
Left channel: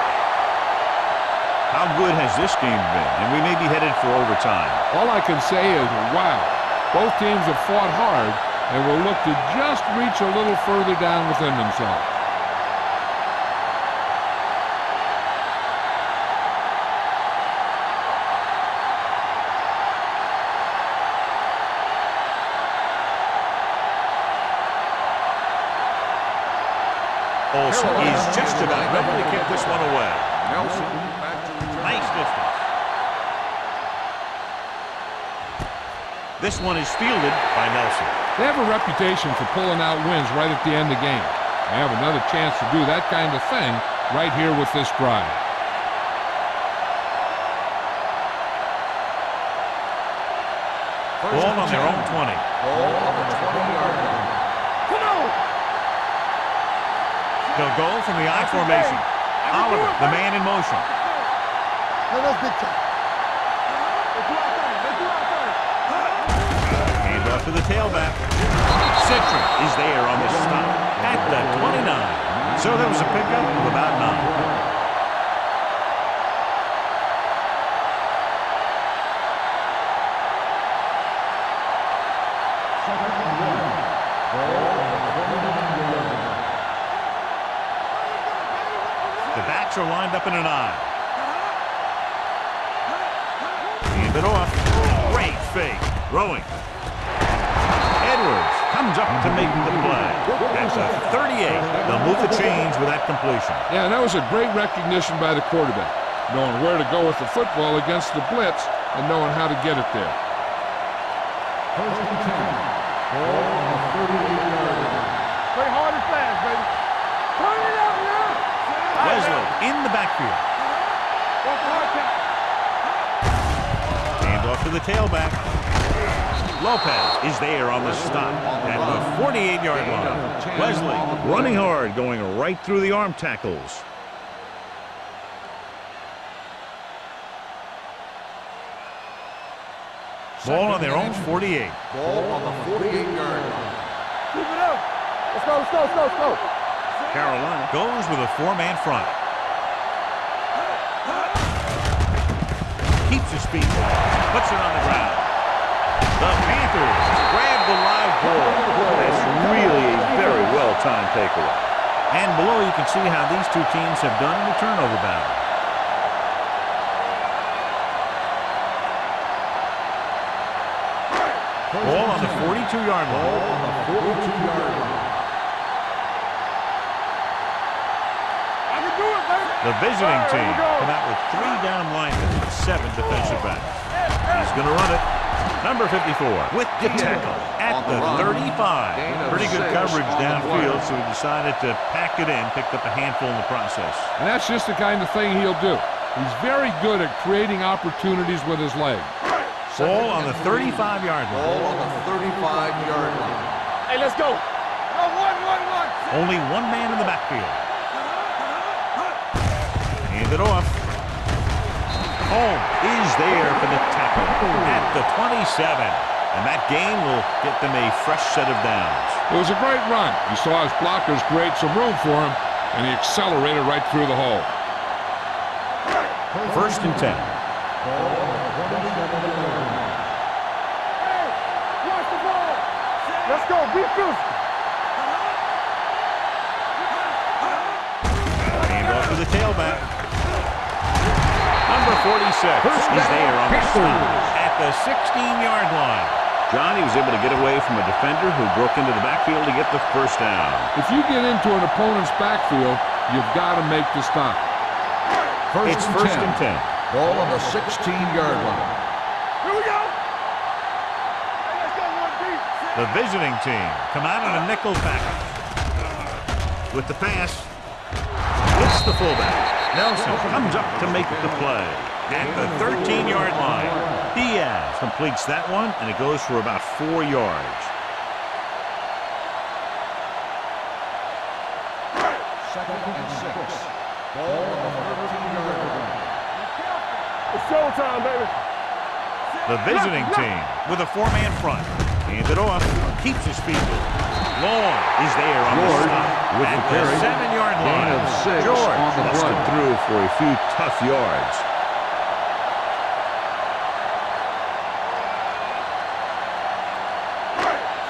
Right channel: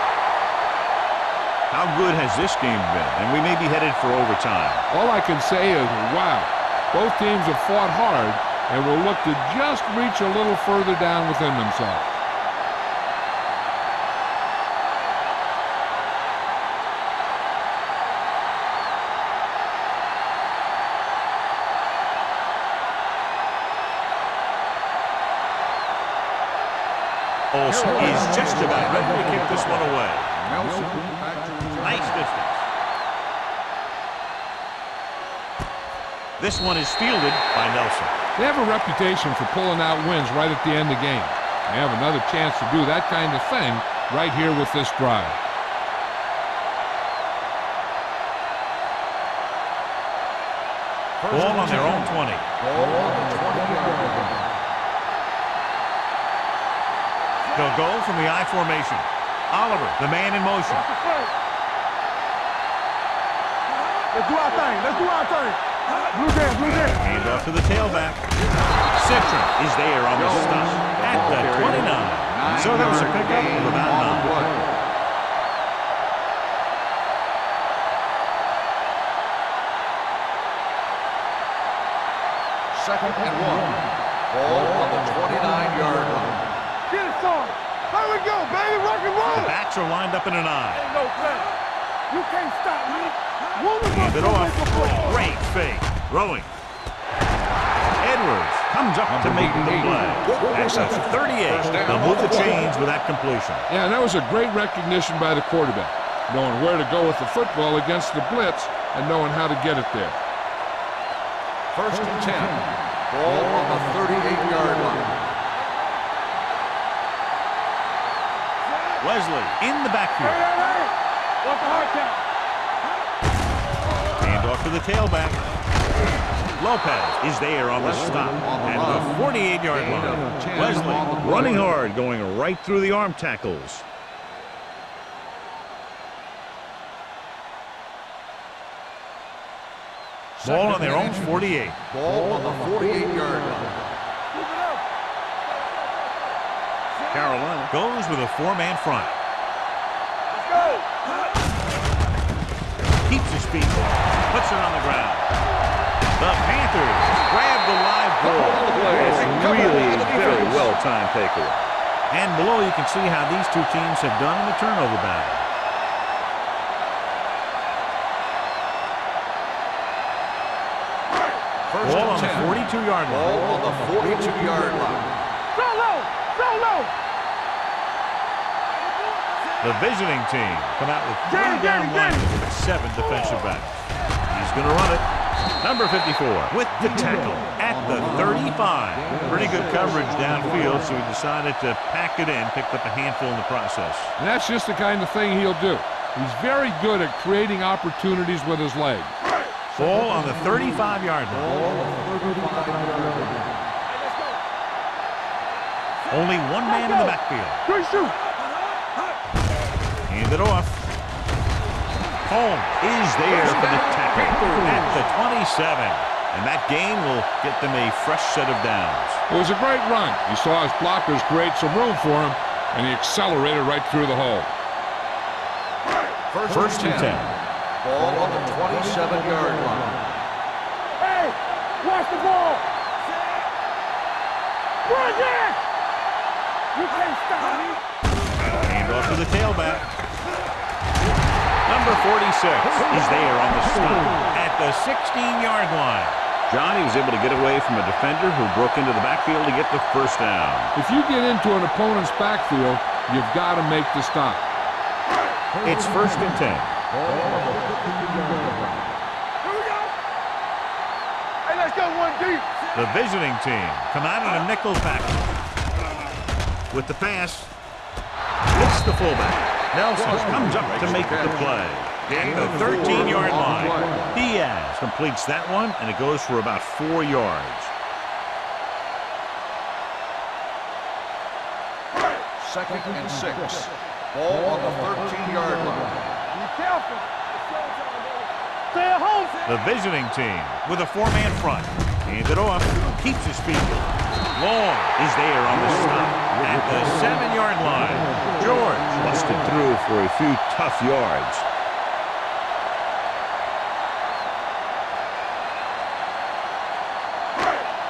How good has this game been? And we may be headed for overtime. All I can say is, wow. Both teams have fought hard and will look to just reach a little further down within themselves. Olsen is just about ready to kick this one away. Nelson back to return. Nice distance. This one is fielded by Nelson. They have a reputation for pulling out wins right at the end of games. They have another chance to do that kind of thing right here with this drive. Ball on their own 20. Ball on the 20-yard line. They'll go from the I formation. Oliver, the man in motion. Let's do our thing. Hand off to the tailback. Citron is there on the stop at the 29. So that was a pickup of about 9. Second and 1. Ball on the 29-yard line. Get it, son. How we go, baby? Rock. The backs are lined up in an I. You can't stop. Hand it off. Great fake. Throwing. Edwards comes up to make the play. That's a 38. They'll move the chains with that completion. Yeah, and that was a great recognition by the quarterback, knowing where to go with the football against the blitz and knowing how to get it there. First and 10. Ball on the 38-yard line. Play hard and fast, baby. Hurry up now. Wesley in the backfield. What's the hard count? Hand off to the tailback. Lopez is there on the stop at the 48-yard line. Wesley running hard, going right through the arm tackles. Ball on their own 48. Ball on the 48-yard line. Keep it up. Let's go, let's go, let's go, let's go. Carolina goes with a four-man front. Keeps his feet, puts it on the ground. The Panthers grab the live ball. That's really a very well-timed takeaway. And below you can see how these two teams have done in the turnover battle. Ball on the 42-yard line. Ball on the 42-yard line. Go low, go low. The visiting team come out with 3 down linemen and 7 defensive backs. He's going to run it. Number 54 with the tackle at the 35. Pretty good coverage downfield, so he decided to pack it in, picked up a handful in the process. And that's just the kind of thing he'll do. He's very good at creating opportunities with his legs. Ball on the 35-yard line. Ball on the 35-yard line. Hey, let's go. One. Only one man in the backfield. Three, shoot. Hand it off. Holmes is there for the tackle at the 27. And that gain will get them a fresh set of downs. It was a great run. He saw his blockers create some room for him, and he accelerated right through the hole. First and 10. Ball on the 27-yard line. Hey, watch the ball. Let's go, beat this. Run there. You can't stop me. Hand off to the tailback. Number 46 is there on the stop at the 16-yard line. Johnny was able to get away from a defender who broke into the backfield to get the first down. If you get into an opponent's backfield, you've got to make the stop. It's first and 10. Ball on the 16-yard line. Here we go. Hey, let's go one deep. The visiting team come out in a nickel package. With the pass, it's the fullback. Nelson comes up to make the play at the 13-yard line. Diaz completes that one, and it goes for about 4 yards. Second and 6. Ball on the 13-yard line. Be careful. It's showtime, baby. Stay at home. The visiting team with a four-man front. Hands it off. Keeps his feet. Long is there on the stop at the 7-yard line. George busted through for a few tough yards.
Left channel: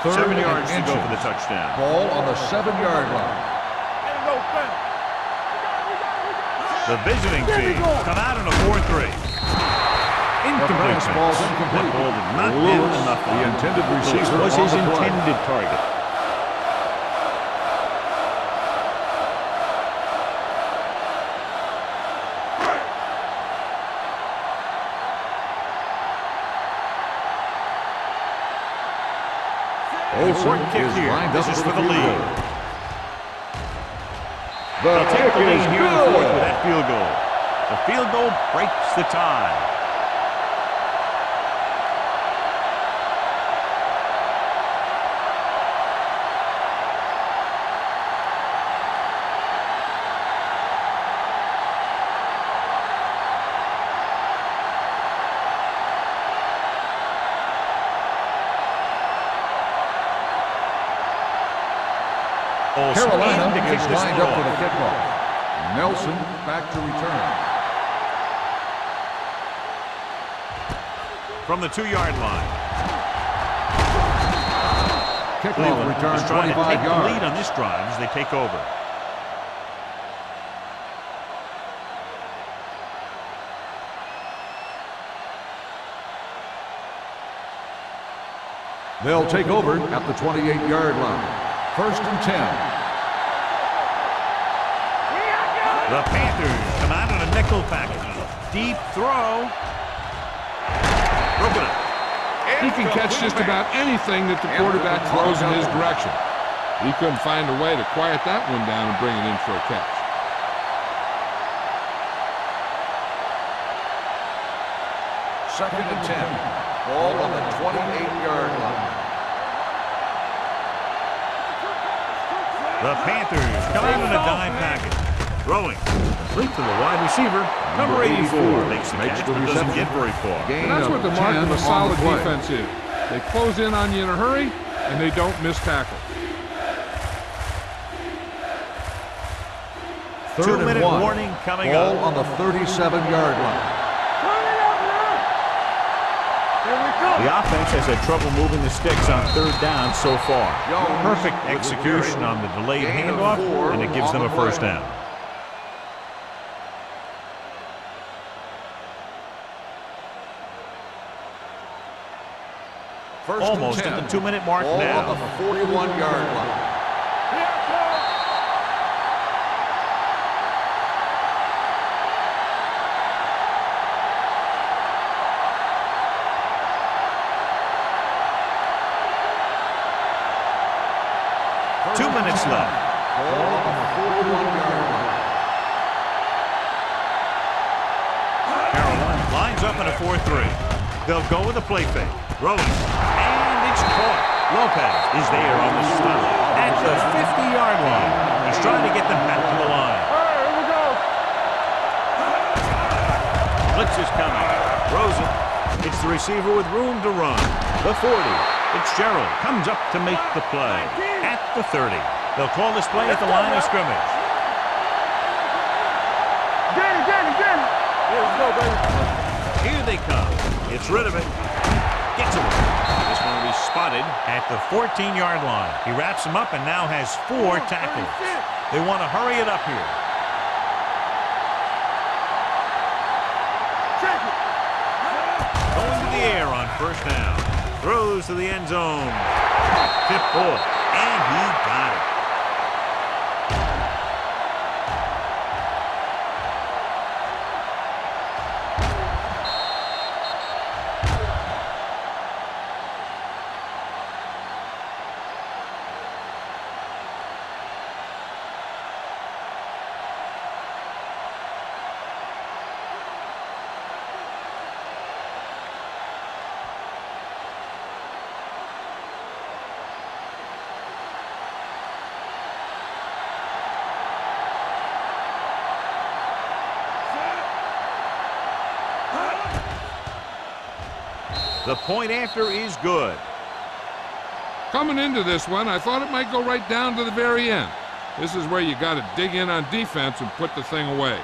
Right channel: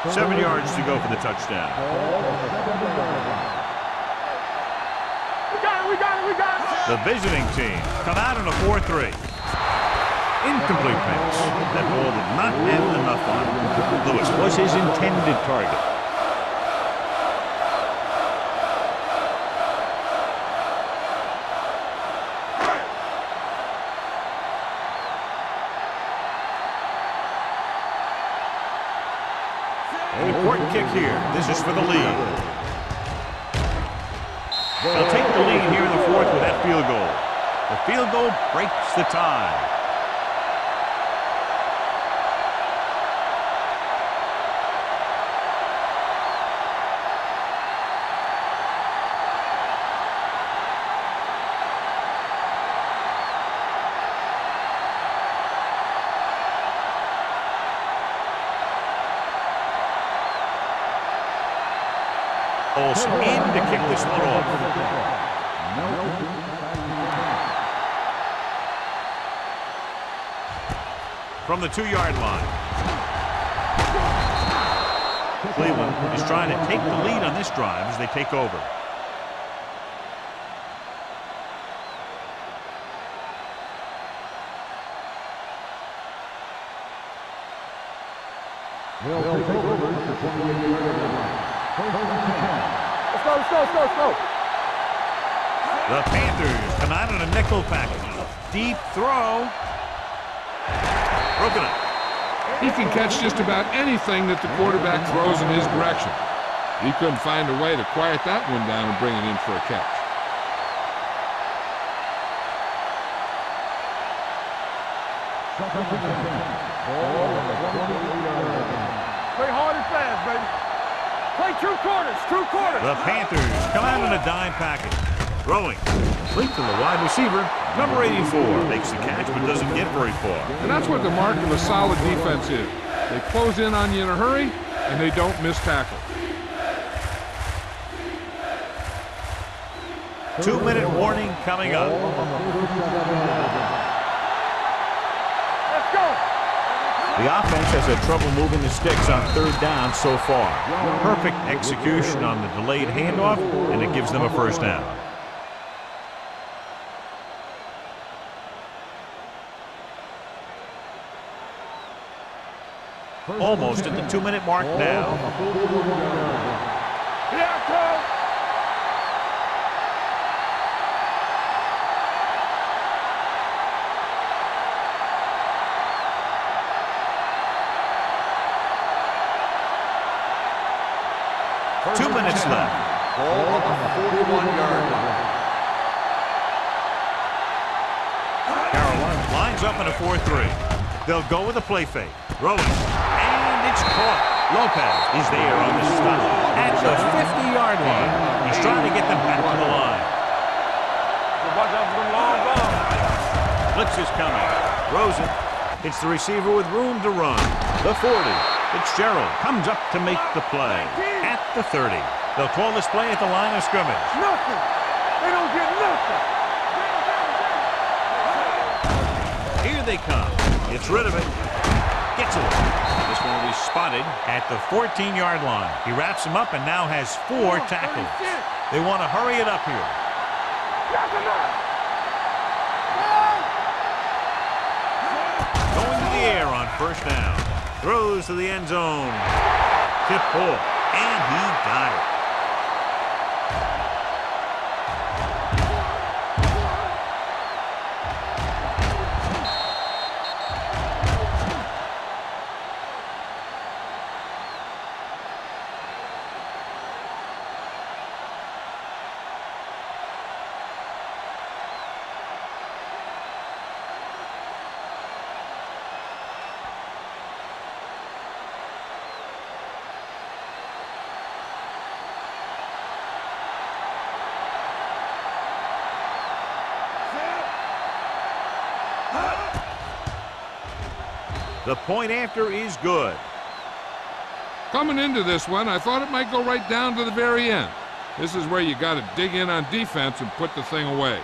Third 7 and yards to go inches. for the touchdown. Ball on the 7-yard line. Ain't no fast. We got it. The visiting team come out in a 4-3. Incomplete pass. That ball did not have enough on it. Lewis was his intended target. Important kick here. This is for the lead. They'll take the lead here in the fourth with that field goal. The field goal breaks the tie. Olsen in to kick this one off. Nelson back to return. From the 2-yard line. Kickoff Cleveland return is trying to 25 take the yards. lead on this drive as they take over. They'll take over at the 28-yard line. First and 10. Let's go. The Panthers come out in a nickel package. Deep throw. Broken up. He can catch just about anything that the quarterback throws in his direction. He couldn't find a way to quiet that one down and bring it in for a catch. Second and 10. Ball on the 28-yard line. Play hard and fast, baby. Play two quarters, two quarters. The Panthers come out in a dime package. Throwing. Complete to the wide receiver. Number 84 makes the catch but doesn't get very far. And that's what the mark of a solid defense is. They close in on you in a hurry, and they don't miss tackle. 2-minute warning coming Ball up. on the 37-yard line. The offense has had trouble moving the sticks on third down so far. Perfect execution on the delayed handoff, and it gives them a first down. Almost at the 2-minute mark now. Ball on the 41-yard line. Here comes. First 2 and minutes 10. left. Ball on the 41-yard line. Carolina lines up in a 4-3. They'll go with a play fake. Throwing. And it's caught. Lopez is there on the stop at the 50-yard line. He's trying to get them back to the line. Blitz is coming. Throws it. It's the receiver with room to run. The 40. Fitzgerald comes up to make the play at the 30. They'll call this play at the line of scrimmage. Nothing. They don't get nothing. Here they come. It's rid of it. Gets away. This one will be spotted at the 14-yard line. He wraps him up and now has 4 tackles. They want to hurry it up here. Going to the air on first down. Throws to the end zone. Tip ball. And he got it. The point after is good. Coming into this one, I thought it might go right down to the very end. This is where you got to dig in on defense and put the thing away.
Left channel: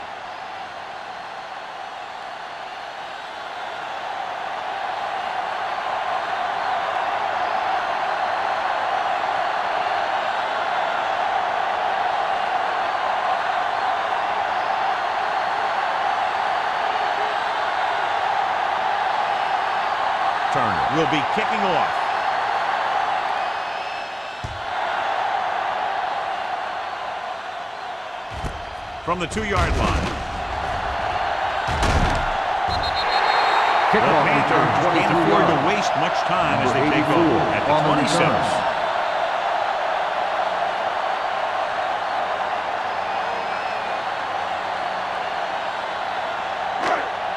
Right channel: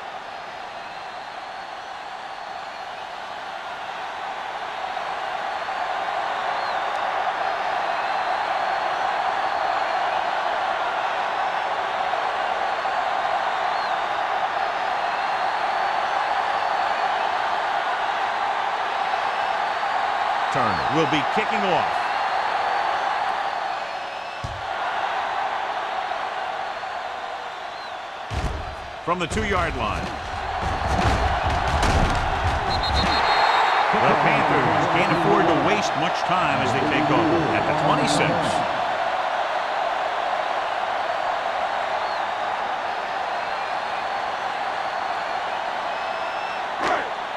Turner will be kicking off. From the 2-yard line. The Panthers can't afford to waste much time as they take over at the 26.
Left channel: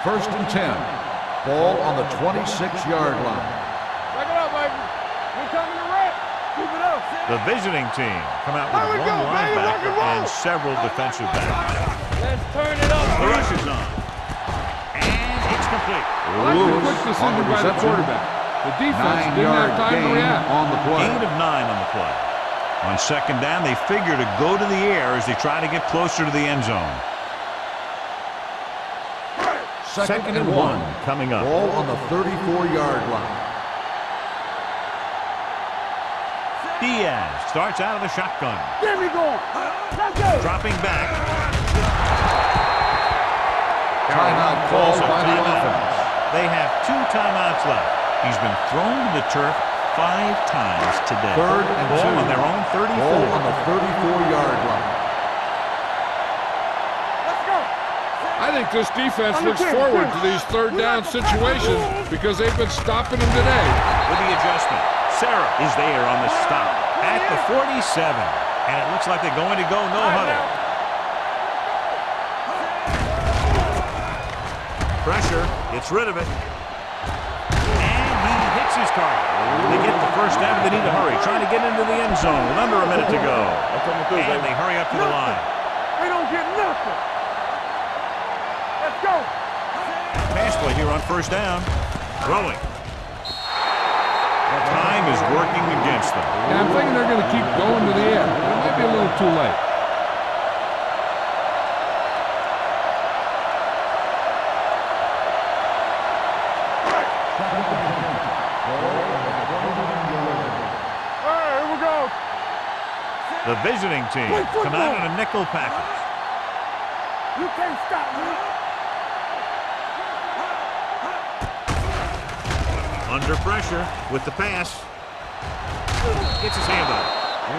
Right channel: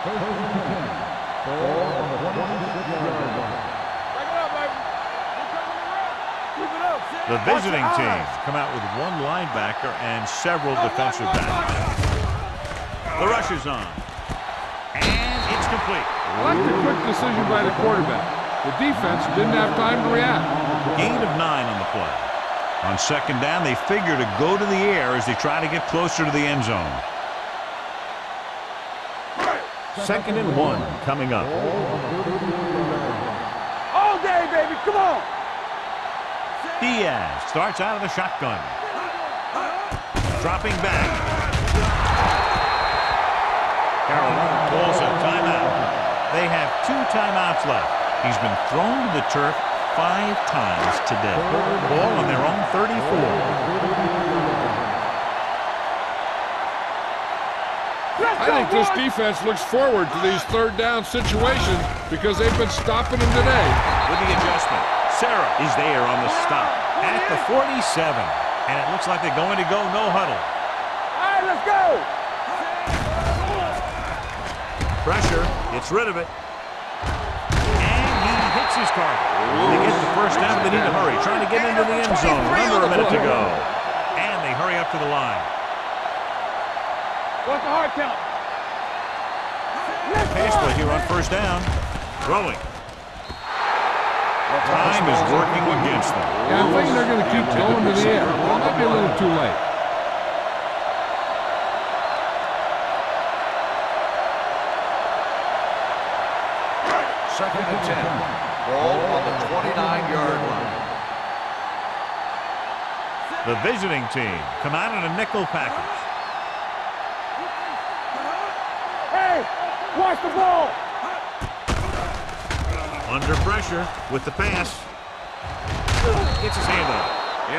First and 10. Ball on the 26-yard line. Break it up, baby. We coming to wreck. Keep it up. The visiting team come out with 1 linebacker and several defensive backs. The rush is on. And it's complete. I like the quick decision by the quarterback. The defense didn't have time to react. Gain of 9 on the play. On second down, they figure to go to the air as they try to get closer to the end zone. Second and 1 coming up. Ball on the 34-yard line. All day, baby. Come on. Diaz starts out of the shotgun. Get me going. Let's go. Dropping back. Carolina calls a timeout. They have 2 timeouts left. He's been thrown to the turf 5 times today. Ball on their own 34. Ball on the 34-yard line. I think this defense looks forward to these third down situations because they've been stopping them today. With the adjustment, Sarah is there on the stop at the 47. And it looks like they're going to go no huddle. All right, let's go. Pressure, gets rid of it. hits his target. They get the first down, but they need to hurry, trying to get into the end zone with under a minute to go. And they hurry up to the line. They don't get nothing. What's the hard count? Let's go. Pass play here on first down. Throwing. Time is working against them. Yeah, I'm thinking they're going to keep going to the air, but it might be a little too late. Second and 10. Ball on the 29-yard line. All right, here we go. The visiting team come out in a nickel package. You can't stop me. Hey, watch the ball. Under pressure with the pass. Gets his hand up.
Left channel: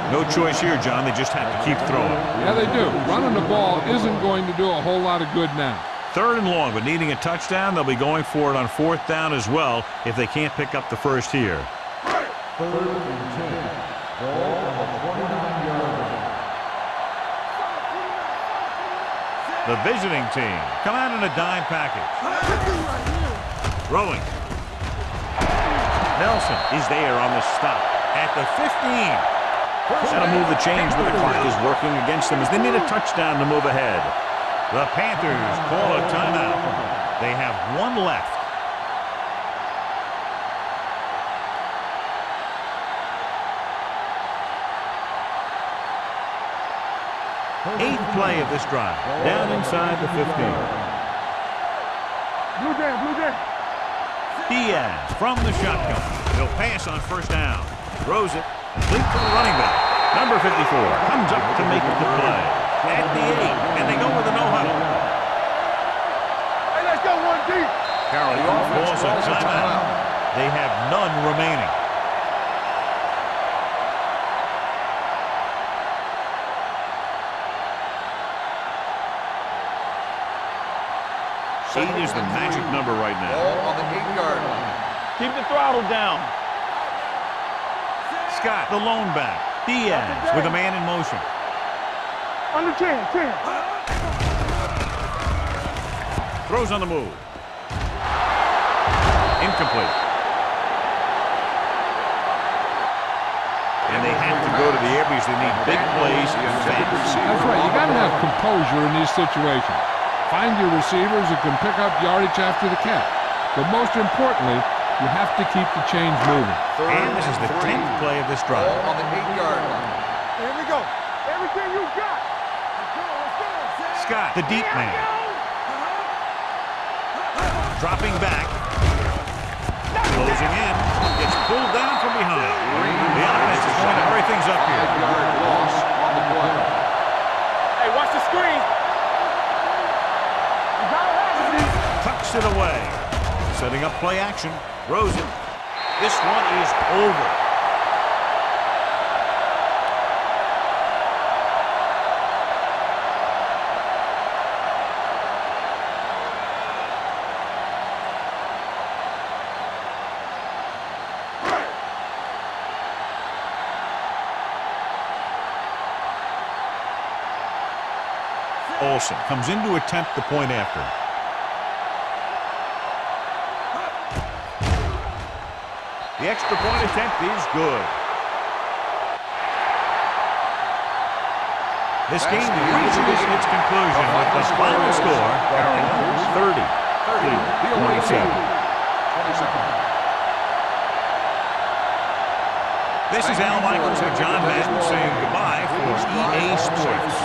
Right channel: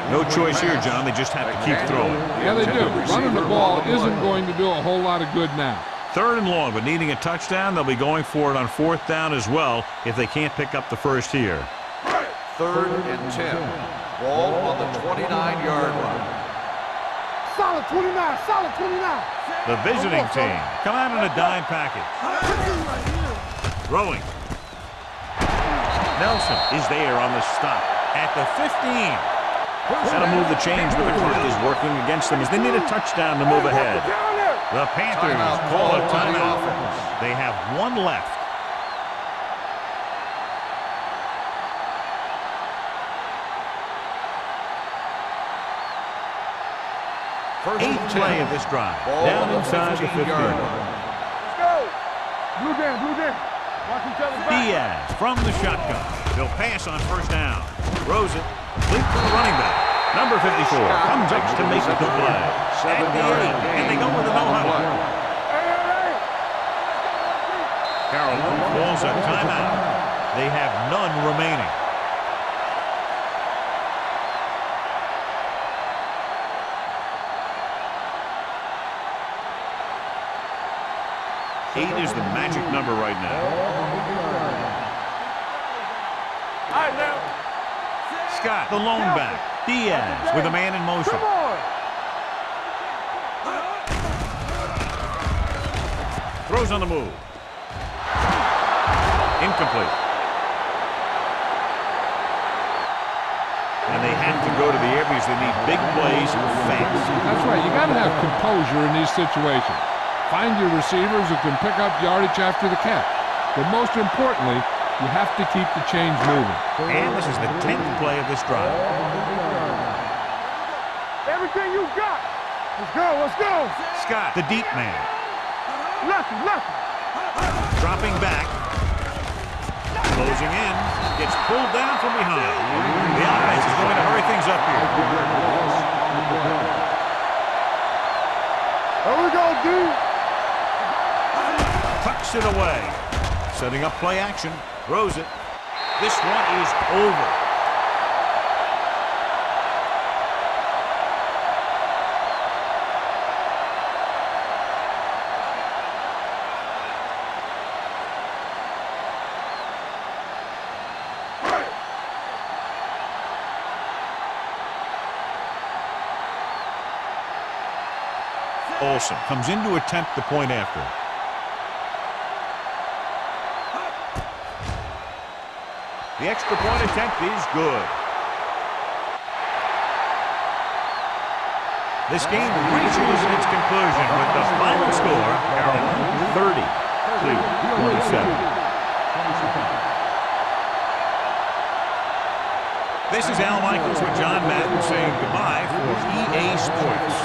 No choice here, John. They just have to keep throwing. Yeah, they do. Running the ball isn't going to do a whole lot of good now. 3rd and long, but needing a touchdown, they'll be going for it on 4th down as well if they can't pick up the first here. 3rd and 10. Ball on the 29-yard line. Solid 29, solid 29. The visiting team come out in a dime package. Right here. Throwing. Nelson is there on the stop at the 15. That'll move the chains, but the clock is working against them as they need a touchdown to move ahead. The Panthers call a timeout. They have one left. Eighth play of this drive. Down inside the 15. Blue down, blue down. Diaz from the shotgun. He'll pass on first down. Throws it. Complete to the running back. Number 54 comes up to make the play. At the 8, and they go with a no-huddle. Hey, let's go one deep. Carrollton calls a timeout. They have none remaining. Eight is the magic number right now. Ball on the 8-yard line. Keep the throttle down. Scott, the lone back. Diaz with a man in motion. Under 10, 10. Throws on the move. Incomplete. And they have to go to the air because they need big plays fast. That's right. You got to have composure in these situations. Find your receivers who can pick up yardage after the catch. But most importantly, you have to keep the chains moving. And this is the 10th play of this drive. Ball on the 8-yard line. Here we go. Everything you got. Let's go, let's go. Scott, the deep man. Left. Dropping back. Closing in. Gets pulled down from behind. The offense is going to hurry things up here. 5-yard loss on the play. Hey, watch the screen. Here we go, dude. You gotta have it. Tucks it away. Setting up play action. Throws it. This one is over. Olsen comes in to attempt the point after. The extra point attempt is good. This game reaches its conclusion with the final score, Carolina 30, Cleveland 27. This is Al Michaels with John Madden saying goodbye for EA Sports.